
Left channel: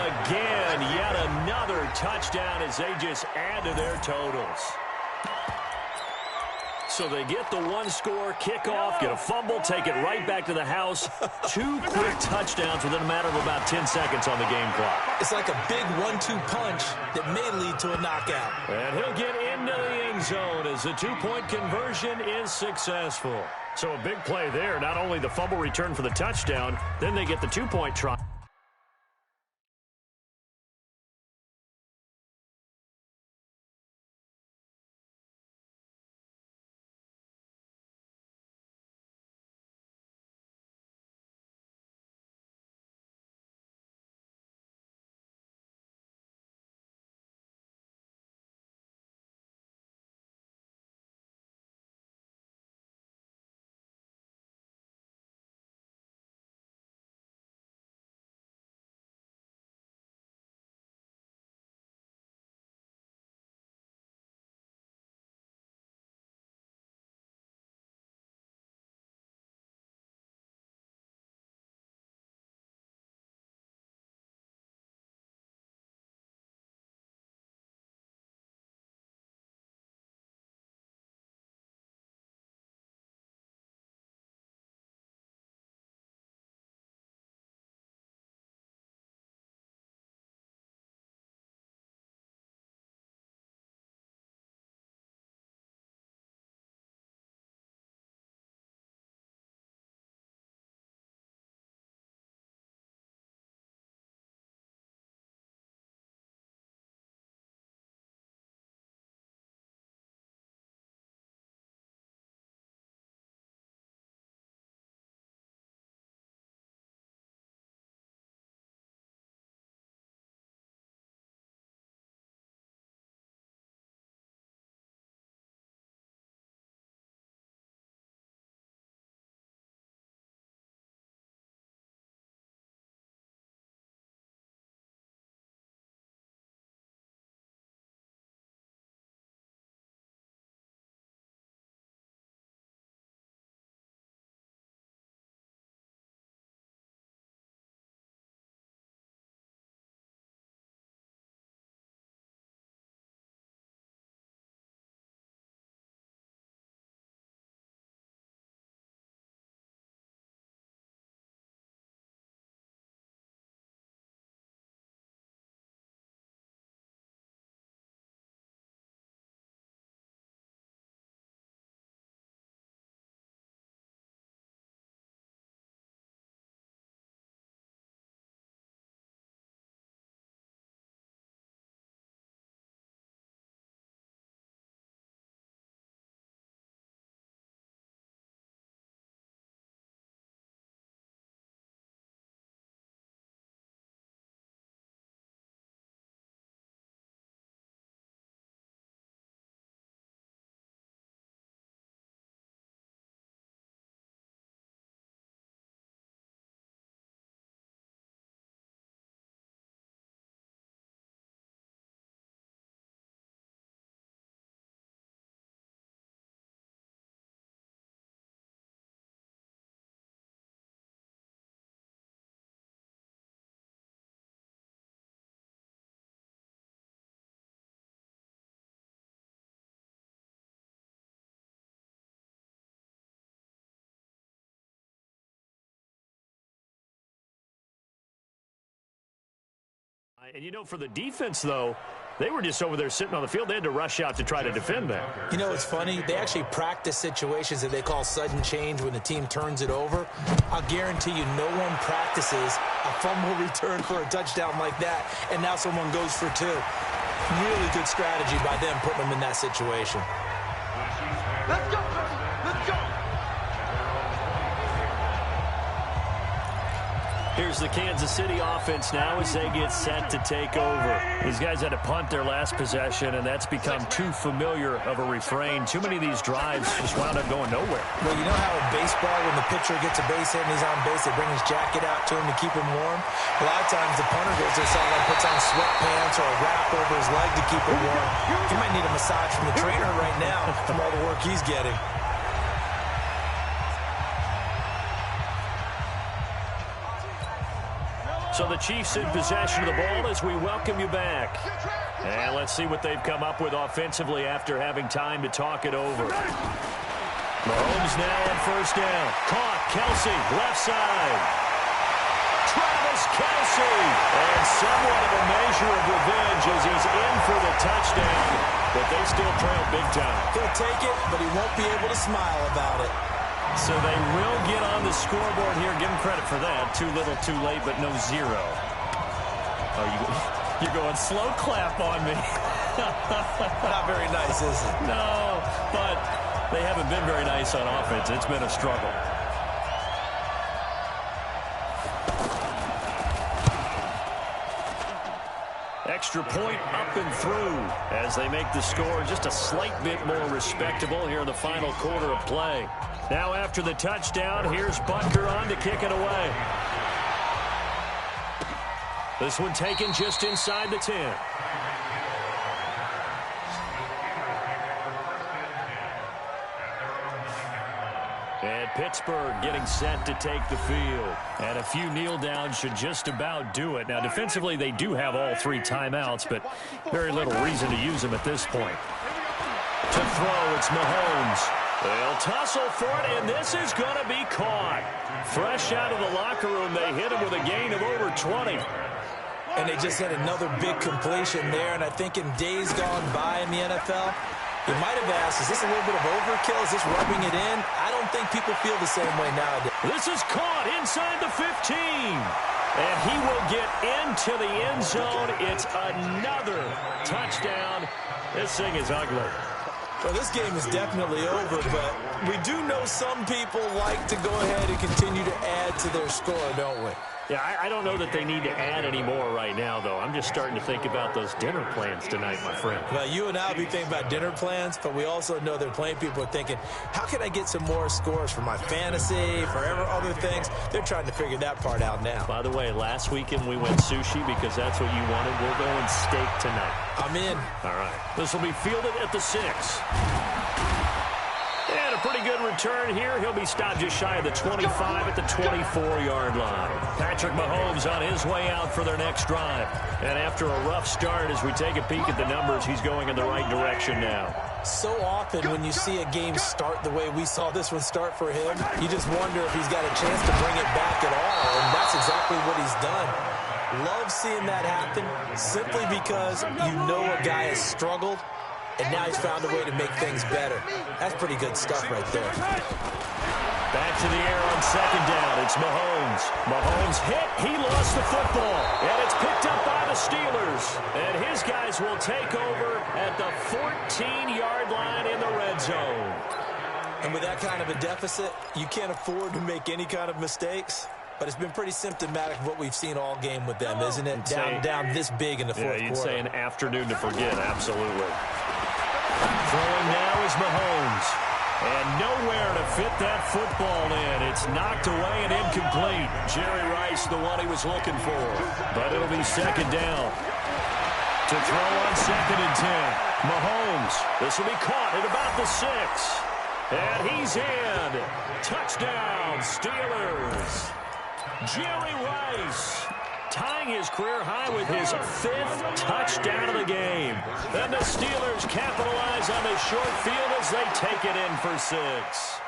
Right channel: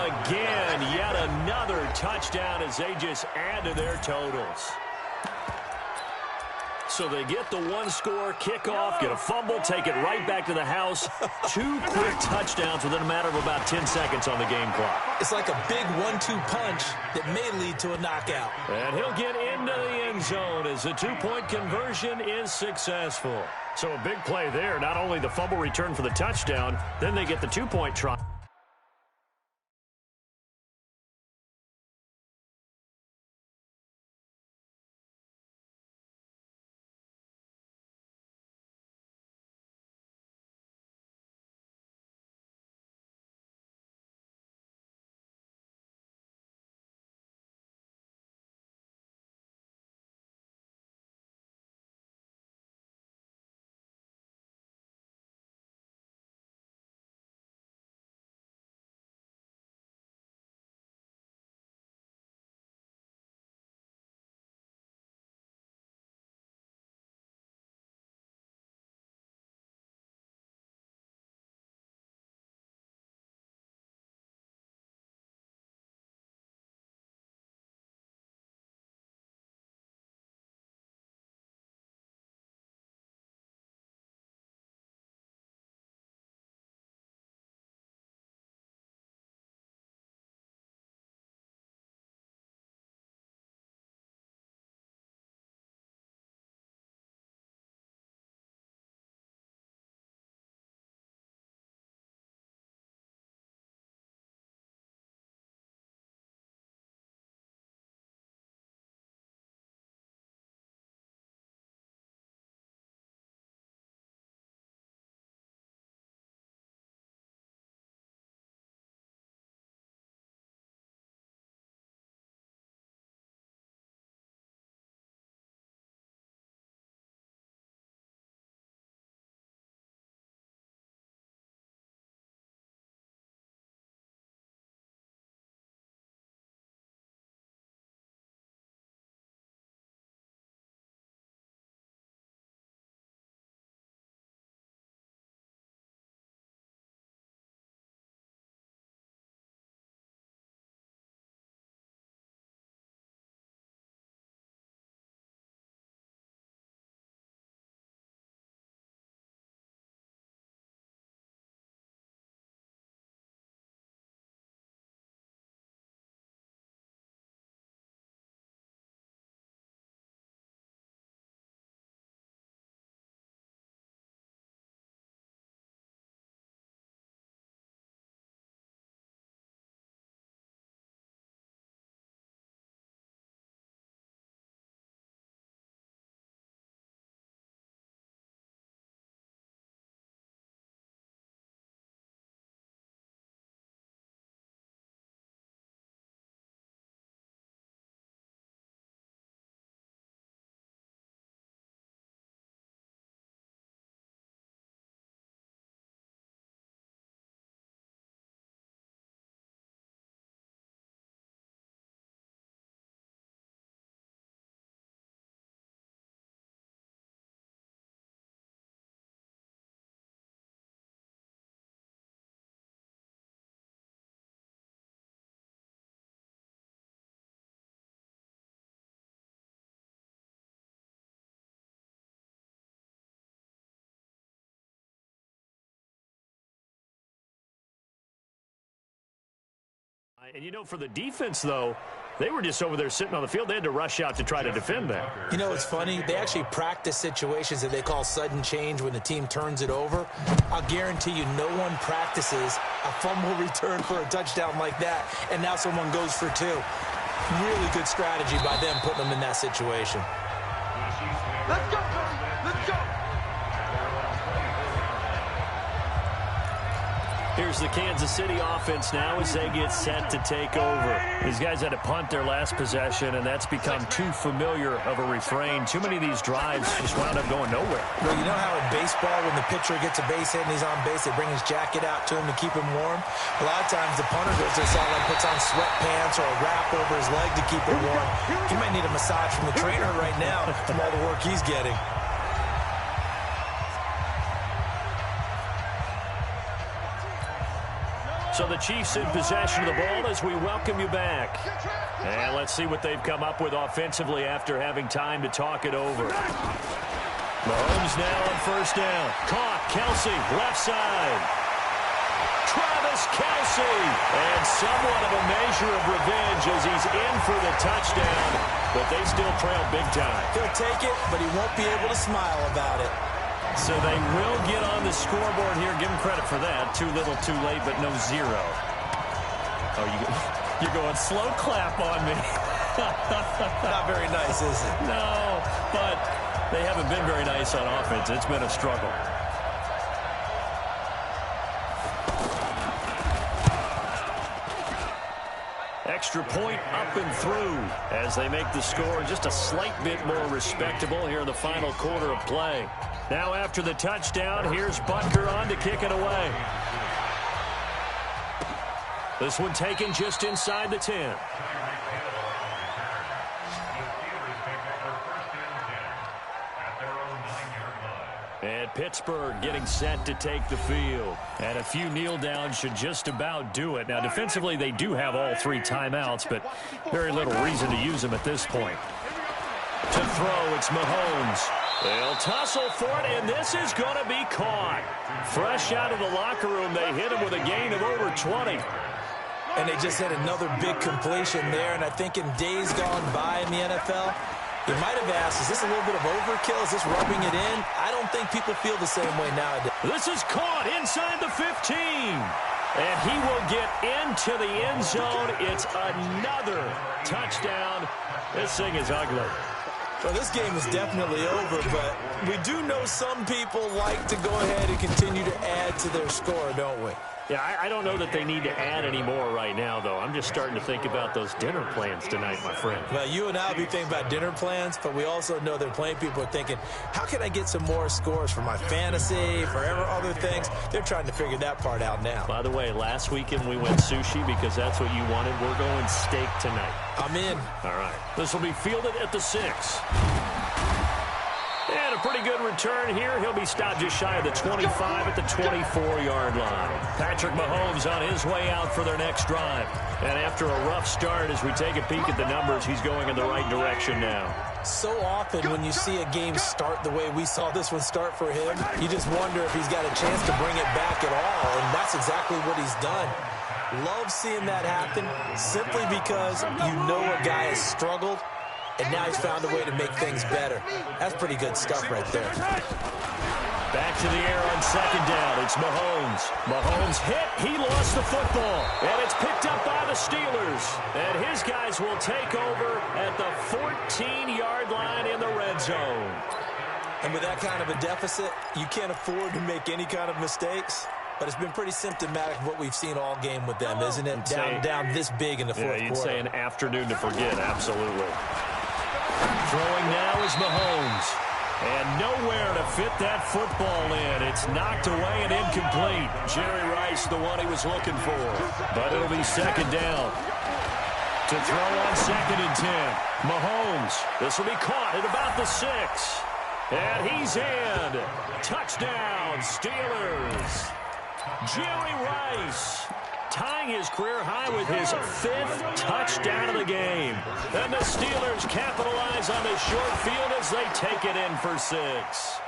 again. Yet another touchdown as they just add to their totals. So they get the one-score kickoff, get a fumble, take it right back to the house. 2 quick touchdowns within a matter of about 10 seconds on the game clock. It's like a big 1-2 punch that may lead to a knockout. And he'll get into the end zone as the 2-point conversion is successful. So a big play there. Not only the fumble return for the touchdown, then they get the 2-point try. And, you know, for the defense, though, they were just over there sitting on the field. They had to rush out to try to defend that. You know, it's funny. They actually practice situations that they call sudden change when the team turns it over. I'll guarantee you no one practices a fumble return for a touchdown like that, and now someone goes for two. Really good strategy by them putting them in that situation. Let's go, baby. Let's go. Here's the Kansas City offense now as they get set to take over. These guys had to punt their last possession, and that's become too familiar of a refrain. Too many of these drives just wound up going nowhere. Well, you know how in baseball, when the pitcher gets a base hit and he's on base, they bring his jacket out to him to keep him warm? A lot of times the punter goes to the sideline, puts on sweatpants or a wrap over his leg to keep him warm. He might need a massage from the trainer right now from all the work he's getting. So the Chiefs in possession of the ball as we welcome you back. And let's see what they've come up with offensively after having time to talk it over. Mahomes now on first down. Caught. Kelsey, left side. Travis Kelsey. And somewhat of a measure of revenge as he's in for the touchdown. But they still trail big time. He'll take it, but he won't be able to smile about it. So they will get on the scoreboard here. Give them credit for that. Too little, too late, but no zero. Oh, you're going slow clap on me. Not very nice, is it? No, but they haven't been very nice on offense. It's been a struggle. Extra point up and through as they make the score just a slight bit more respectable here in the final quarter of play. Now after the touchdown, here's Butker on to kick it away. This one taken just inside the 10. And Pittsburgh getting set to take the field. And a few kneel downs should just about do it. Now defensively they do have all three timeouts, but very little reason to use them at this point. To throw, it's Mahomes. They'll tussle for it, and this is going to be caught. Fresh out of the locker room, they hit him with a gain of over 20. And they just had another big completion there, and I think in days gone by in the NFL, you might have asked, is this a little bit of overkill? Is this rubbing it in? I don't think people feel the same way nowadays. This is caught inside the 15. And he will get into the end zone. It's another touchdown. This thing is ugly. Well, this game is definitely over, but we do know some people like to go ahead and continue to add to their score, don't we? Yeah, I don't know that they need to add any more right now, though. I'm just starting to think about those dinner plans tonight, my friend. Well, you and I will be thinking about dinner plans, but we also know there are plenty of people are thinking, how can I get some more scores for my fantasy, for other things? They're trying to figure that part out now. By the way, last weekend we went sushi because that's what you wanted. We're going steak tonight. I'm in. All right. This will be fielded at the 6. And a pretty good return here. He'll be stopped just shy of the 25 at the 24-yard line. Patrick Mahomes on his way out for their next drive. And after a rough start, as we take a peek at the numbers, he's going in the right direction now. So often when you see a game start the way we saw this one start for him, you just wonder if he's got a chance to bring it back at all, and that's exactly what he's done. Love seeing that happen simply because you know a guy has struggled, and now he's found a way to make things better. That's pretty good stuff right there. Back to the air on second down. It's Mahomes. Mahomes hit. He lost the football. And it's picked up by the Steelers. And his guys will take over at the 14-yard line in the red zone. And with that kind of a deficit, you can't afford to make any kind of mistakes. But it's been pretty symptomatic of what we've seen all game with them, isn't it? Down this big in the fourth quarter. You'd say an afternoon to forget, absolutely. Throwing now is Mahomes. And nowhere to fit that football in. It's knocked away and incomplete. Jerry Rice, the one he was looking for. But it'll be second down. To throw on second and 10. Mahomes. This will be caught at about the 6. And he's in. Touchdown, Steelers. Jerry Rice tying his career high with his 5th touchdown of the game. And the Steelers capitalize on the short field as they take it in for 6.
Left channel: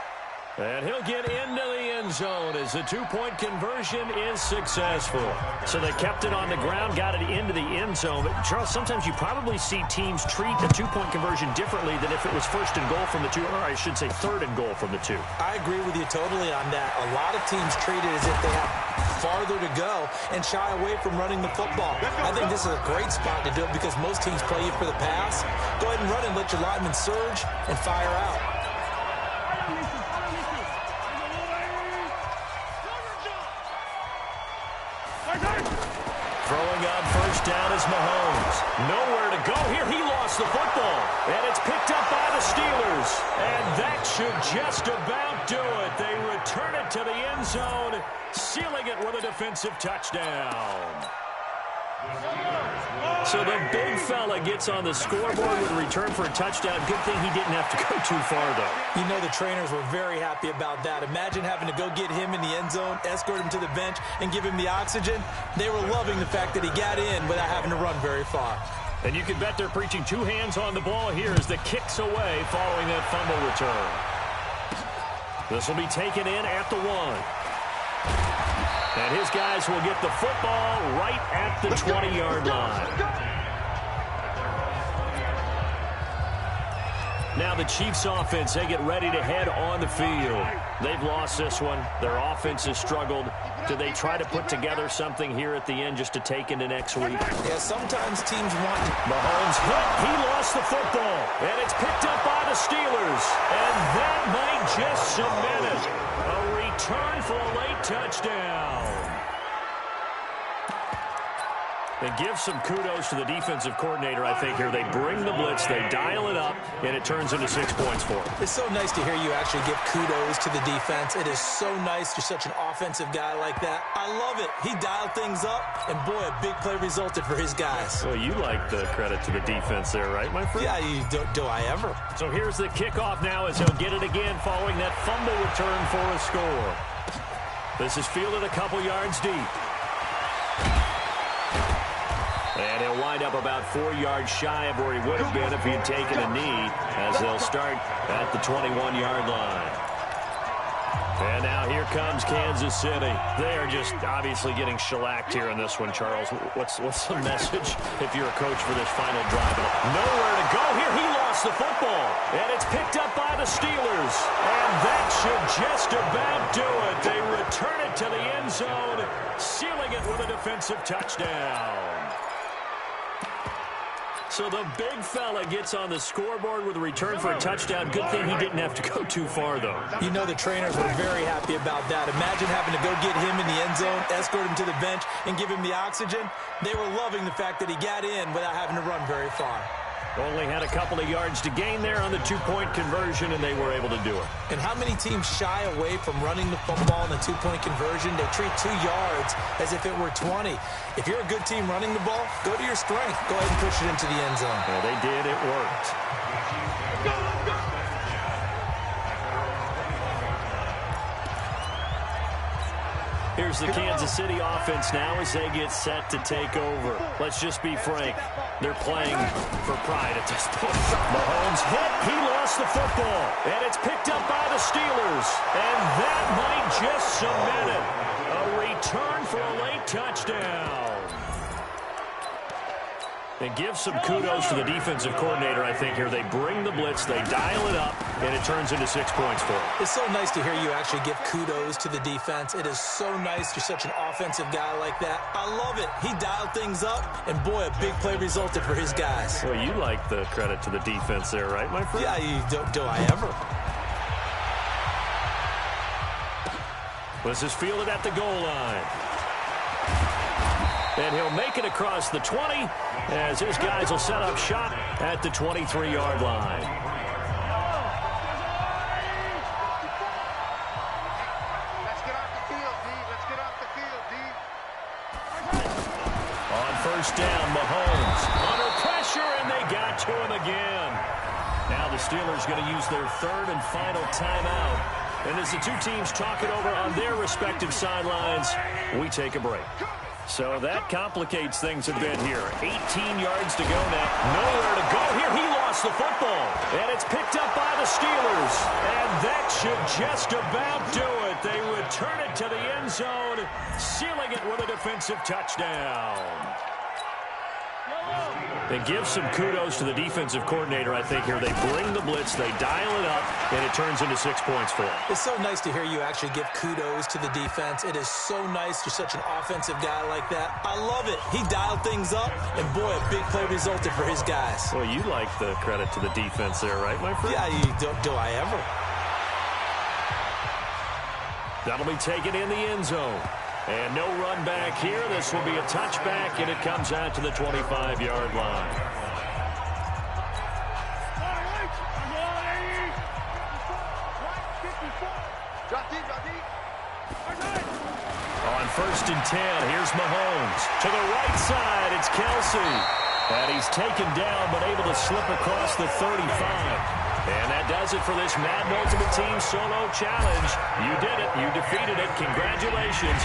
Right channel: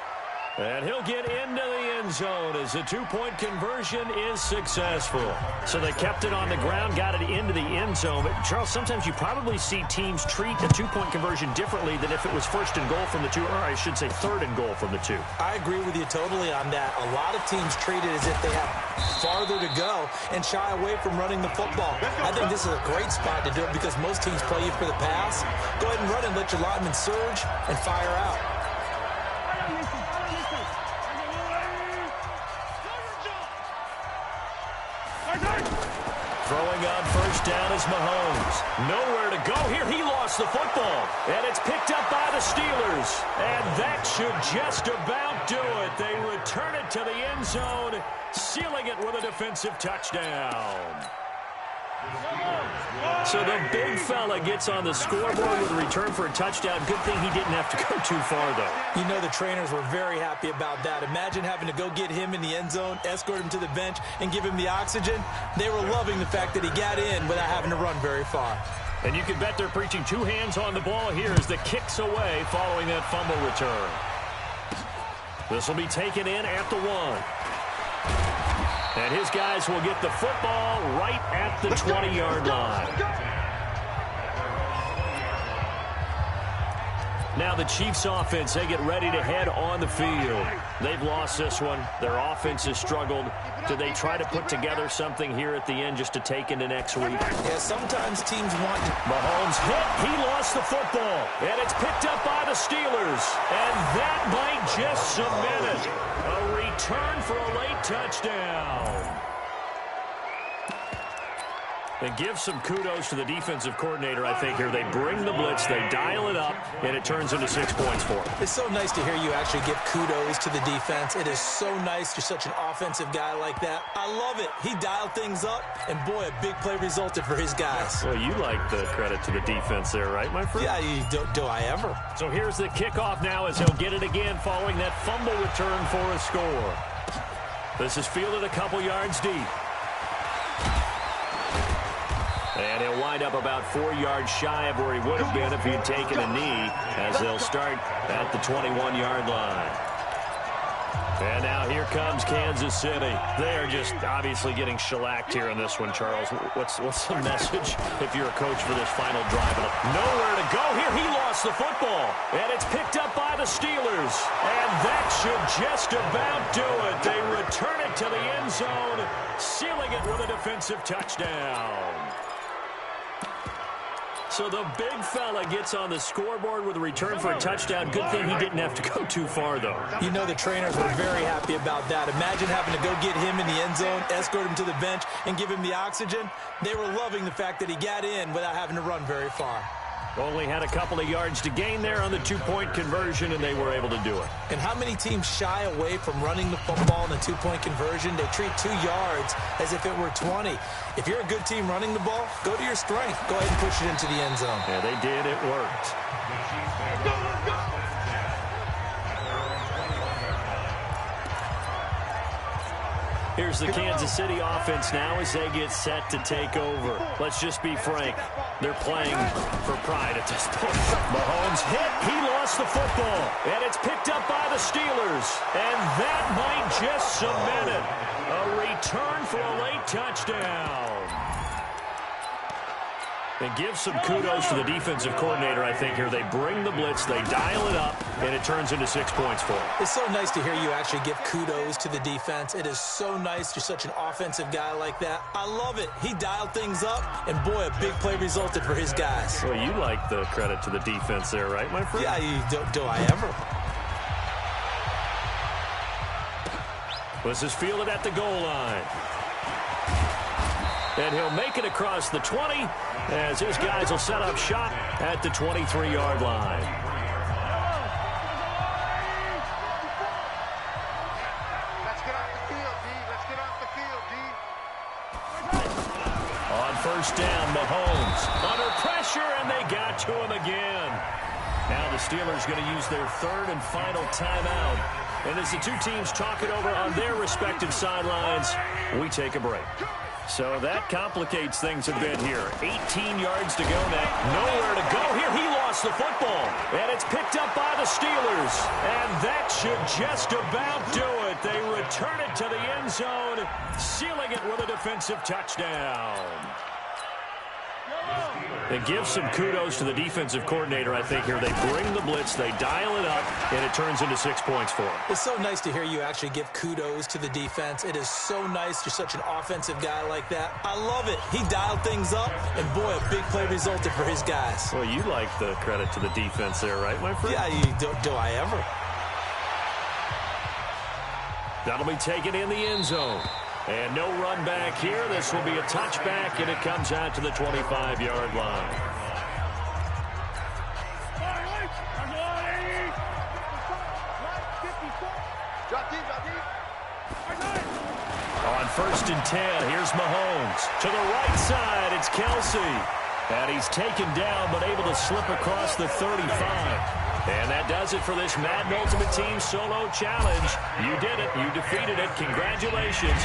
And he'll get into the end zone as the two-point conversion is successful. So they kept it on the ground, got it into the end zone. But, Charles, sometimes you probably see teams treat a two-point conversion differently than if it was first and goal from the two, or I should say third and goal from the two. I agree with you totally on that. A lot of teams treat it as if they have farther to go and shy away from running the football. I think this is a great spot to do it because most teams play you for the pass. Go ahead and run and let your linemen surge and fire out. Throwing on first down is Mahomes. Nowhere to go here. He lost the football. And it's picked up by the Steelers. And that should just about do it. They return it to the end zone, sealing it with a defensive touchdown. So the big fella gets on the scoreboard with a return for a touchdown. Good thing he didn't have to go too far, though. You know the trainers were very happy about that. Imagine having to go get him in the end zone, escort him to the bench, and give him the oxygen. They were loving the fact that he got in without having to run very far. And you can bet they're preaching two hands on the ball here as the kick's away following that fumble return. This will be taken in at the 1. And his guys will get the football right at the 20-yard line. Now the Chiefs offense, they get ready to head on the field. They've lost this one. Their offense has struggled. Do they try to put together something here at the end just to take into next week? Yeah, sometimes teams want... Mahomes hit. He lost the football. And it's picked up by the Steelers. And that might just cement it. A return for a late touchdown. And give some kudos to the defensive coordinator, I think, here. They bring the blitz, they dial it up, and it turns into 6 points for them. It's so nice to hear you actually give kudos to the defense. It is so nice. You're such an offensive guy like that. I love it. He dialed things up, and boy, a big play resulted for his guys. Well, you like the credit to the defense there, right, my friend? Yeah, do I ever. So here's the kickoff now as he'll get it again following that fumble return for a score. This is fielded a couple yards deep. And he'll wind up about 4 yards shy of where he would have been if he had taken a knee, as they'll start at the 21-yard line. And now here comes Kansas City. They are just obviously getting shellacked here in this one, Charles. What's the message if you're a coach for this final drive? Nowhere to go here. He lost the football. And it's picked up by the Steelers. And that should just about do it. They return it to the end zone, sealing it with a defensive touchdown. So the big fella gets on the scoreboard with a return for a touchdown. Good thing he didn't have to go too far, though. You know the trainers were very happy about that. Imagine having to go get him in the end zone, escort him to the bench, and give him the oxygen. They were loving the fact that he got in without having to run very far. Only had a couple of yards to gain there on the two-point conversion, and they were able to do it. And how many teams shy away from running the football in the two-point conversion? They treat 2 yards as if it were 20. If you're a good team running the ball, go to your strength. Go ahead and push it into the end zone. Yeah, they did. It worked. Here's the Kansas City offense now as they get set to take over. Let's just be frank. They're playing for pride at this point. Mahomes hit. He lost the football. And it's picked up by the Steelers. And that might just cement it. A return for a late touchdown. And give some kudos to the defensive coordinator, I think, here. They bring the blitz, they dial it up, and it turns into 6 points for them. It's so nice to hear you actually give kudos to the defense. It is so nice. You're such an offensive guy like that. I love it. He dialed things up, and boy, a big play resulted for his guys. Well, you like the credit to the defense there, right, my friend? Yeah, do I ever. This is fielded at the goal line. And he'll make it across the 20 as his guys will set up shop at the 23-yard line. Let's get off the field, D. Let's get off the field, D. On first down, Mahomes under pressure, and they got to him again. Now the Steelers going to use their third and final timeout. And as the two teams talk it over on their respective sidelines, we take a break. So that complicates things a bit here. 18 yards to go now. Nowhere to go here. He lost the football. And it's picked up by the Steelers. And that should just about do it. They return it to the end zone, sealing it with a defensive touchdown. And give some kudos to the defensive coordinator, I think, here. They bring the blitz, they dial it up, and it turns into 6 points for them. It's so nice to hear you actually give kudos to the defense. It is so nice. You're such an offensive guy like that. I love it. He dialed things up, and boy, a big play resulted for his guys. Well, you like the credit to the defense there, right, my friend? Yeah, do I ever? That'll be taken in the end zone. And no run back here. This will be a touchback, and it comes out to the 25-yard line. On 1st and 10, here's Mahomes. To the right side, it's Kelsey. And he's taken down, but able to slip across the 35. And that does it for this Madden Ultimate Team Solo Challenge. You did it. You defeated it. Congratulations.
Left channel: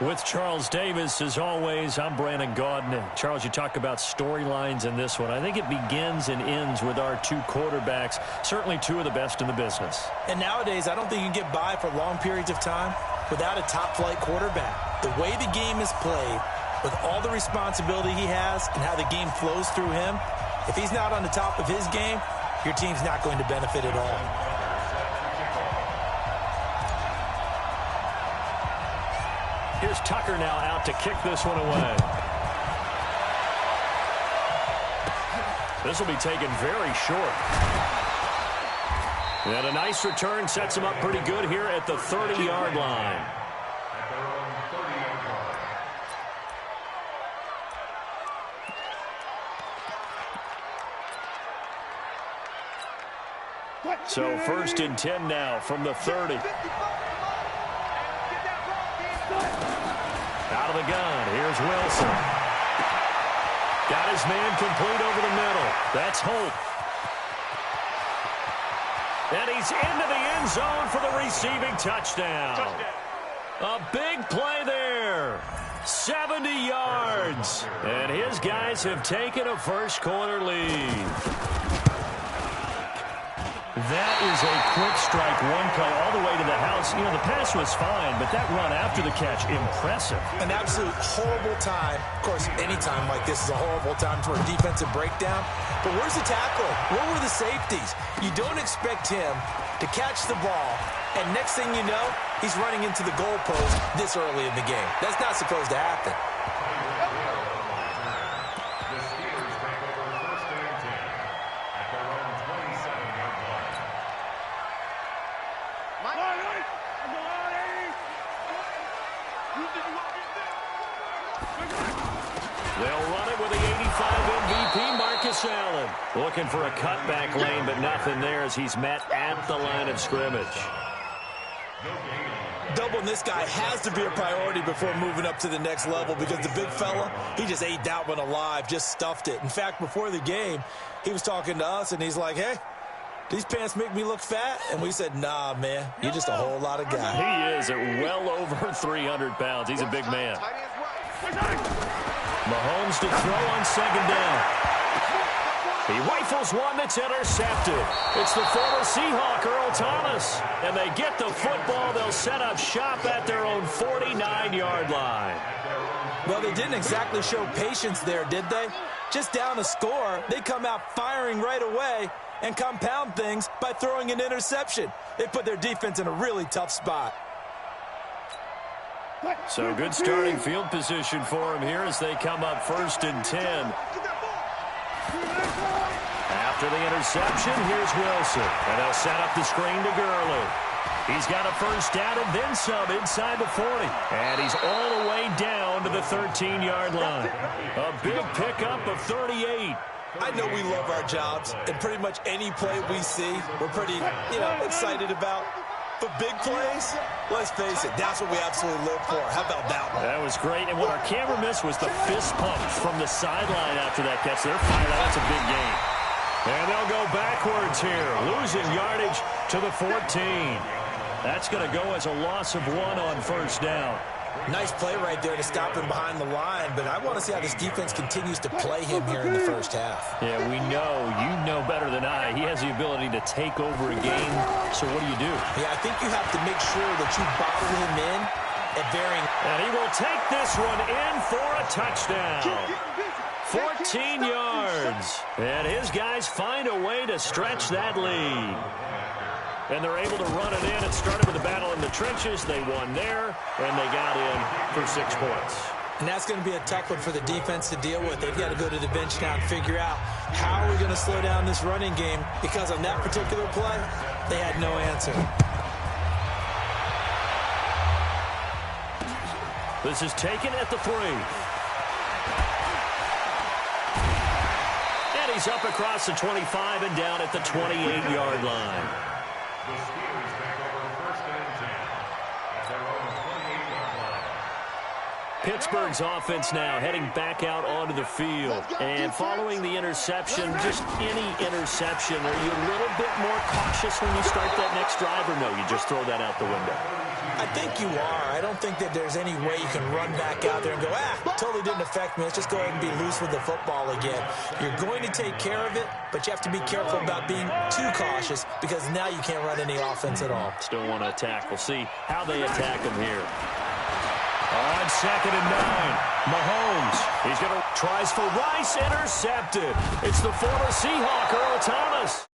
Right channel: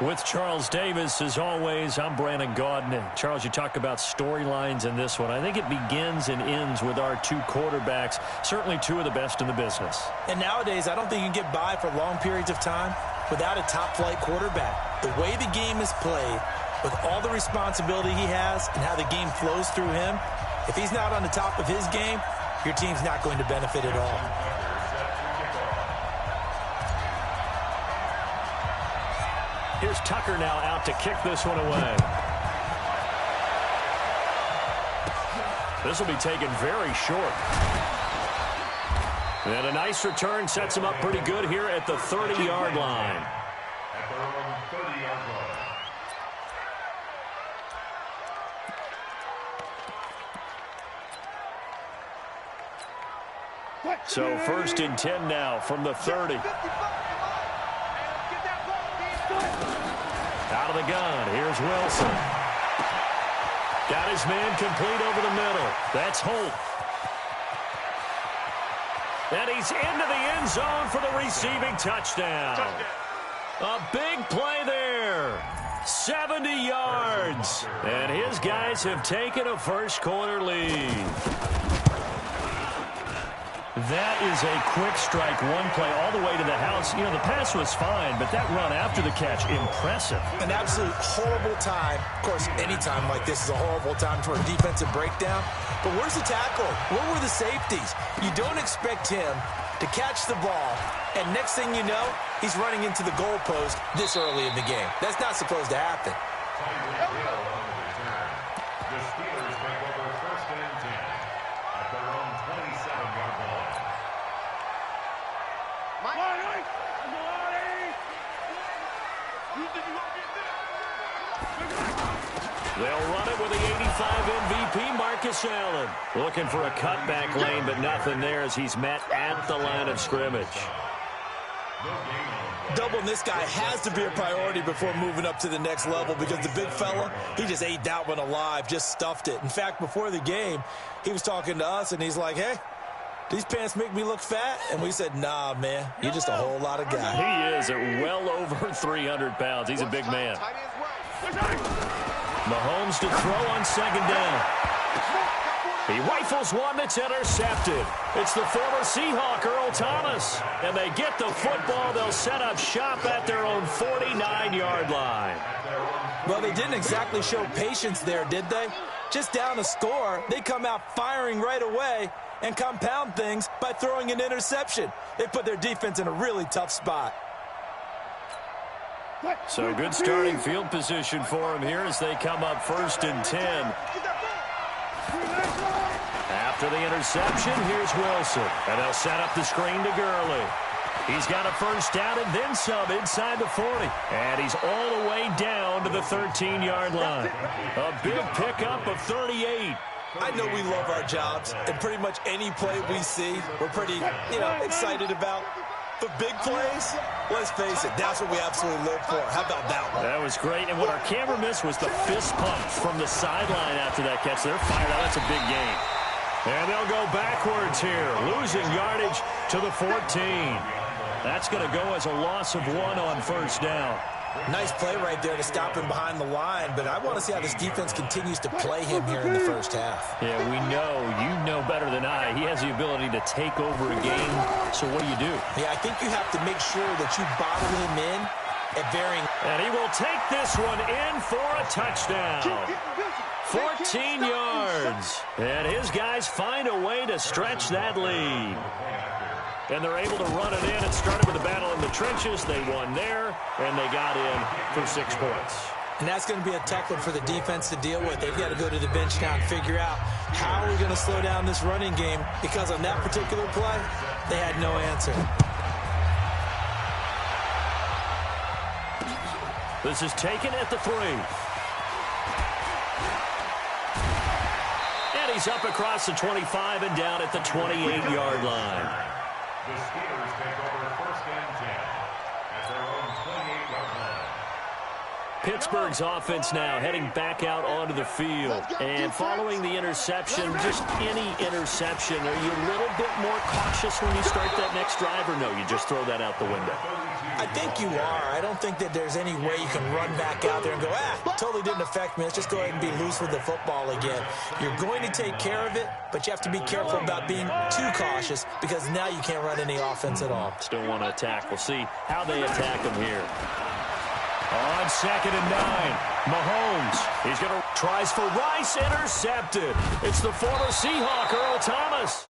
With Charles Davis, as always, I'm Brandon Gaudin. Charles, you talk about storylines in this one. I think it begins and ends with our two quarterbacks, certainly two of the best in the business. And nowadays, I don't think you can get by for long periods of time without a top-flight quarterback. The way the game is played, with all the responsibility he has and how the game flows through him, if he's not on the top of his game, your team's not going to benefit at all. Here's Tucker now out to kick this one away. This will be taken very short. And a nice return sets him up pretty good here at the 30-yard line. At their own 30-yard line. So 1st and 10 now from the 30. Out of the gun, here's Wilson. Got his man complete over the middle. That's Holt. And he's into the end zone for the receiving touchdown. A big play there. 70 yards. And his guys have taken a first-quarter lead. That is a quick strike, one play all the way to the house. You know, the pass was fine, but that run after the catch, impressive. An absolute horrible time. Of course, any time like this is a horrible time for a defensive breakdown. But where's the tackle? Where were the safeties? You don't expect him to catch the ball, and next thing you know, he's running into the goalpost this early in the game. That's not supposed to happen. The Steelers take over 1st and 10 at their own 27-yard line. They'll run it with the 85 MVP, Marcus Allen. Looking for a cutback lane, but nothing there as he's met at the line of scrimmage. Doubling this guy has to be a priority before moving up to the next level because the big fella, he just ate that one alive, just stuffed it. In fact, before the game, he was talking to us, and he's like, hey, these pants make me look fat? And we said, nah, man, you're just a whole lot of guy. He is at well over 300 pounds. He's a big man. Mahomes to throw on 2nd down. He rifles one that's intercepted. It's the former Seahawk, Earl Thomas. And they get the football. They'll set up shop at their own 49-yard line. Well, they didn't exactly show patience there, did they? Just down a score, they come out firing right away and compound things by throwing an interception. They put their defense in a really tough spot. So good starting field position for him here as they come up 1st and 10. After the interception, here's Wilson. And they'll set up the screen to Gurley. He's got a first down and then some inside the 40. And he's all the way down to the 13-yard line. A big pickup of 38. I know we love our jobs, and pretty much any play we see, we're pretty, excited about. But big plays, let's face it, that's what we absolutely live for. How about that one? That was great. And what our camera missed was the fist pump from the sideline after that catch. They're fired out. That's a big game. And they'll go backwards here, losing yardage to the 14. That's going to go as a loss of 1 on 1st down. Nice play right there to stop him behind the line, but I want to see how this defense continues to play him here in the first half. Yeah, we know. You know better than I. He has the ability to take over a game. So what do you do? Yeah, I think you have to make sure that you bottle him in at varying. And he will take this one in for a touchdown. 14 yards. And his guys find a way to stretch that lead. And they're able to run it in. It started with a battle in the trenches. They won there, and they got in for 6 points. And that's going to be a tough one for the defense to deal with. They've got to go to the bench now and figure out how are we going to slow down this running game, because on that particular play, they had no answer. This is taken at the 3. And he's up across the 25 and down at the 28-yard line. The Steelers take over 1st and 10 at their own 28-yard line. Pittsburgh's offense now heading back out onto the field. And following the interception, just any interception, are you a little bit more cautious when you start that next drive, or no, you just throw that out the window? I think you are. I don't think that there's any way you can run back out there and go, totally didn't affect me. Let's just go ahead and be loose with the football again. You're going to take care of it, but you have to be careful about being too cautious because now you can't run any offense at all. Still want to attack. We'll see how they attack him here. On 2nd and 9, Mahomes. He's going to tries for Rice, intercepted. It's the former Seahawk, Earl Thomas.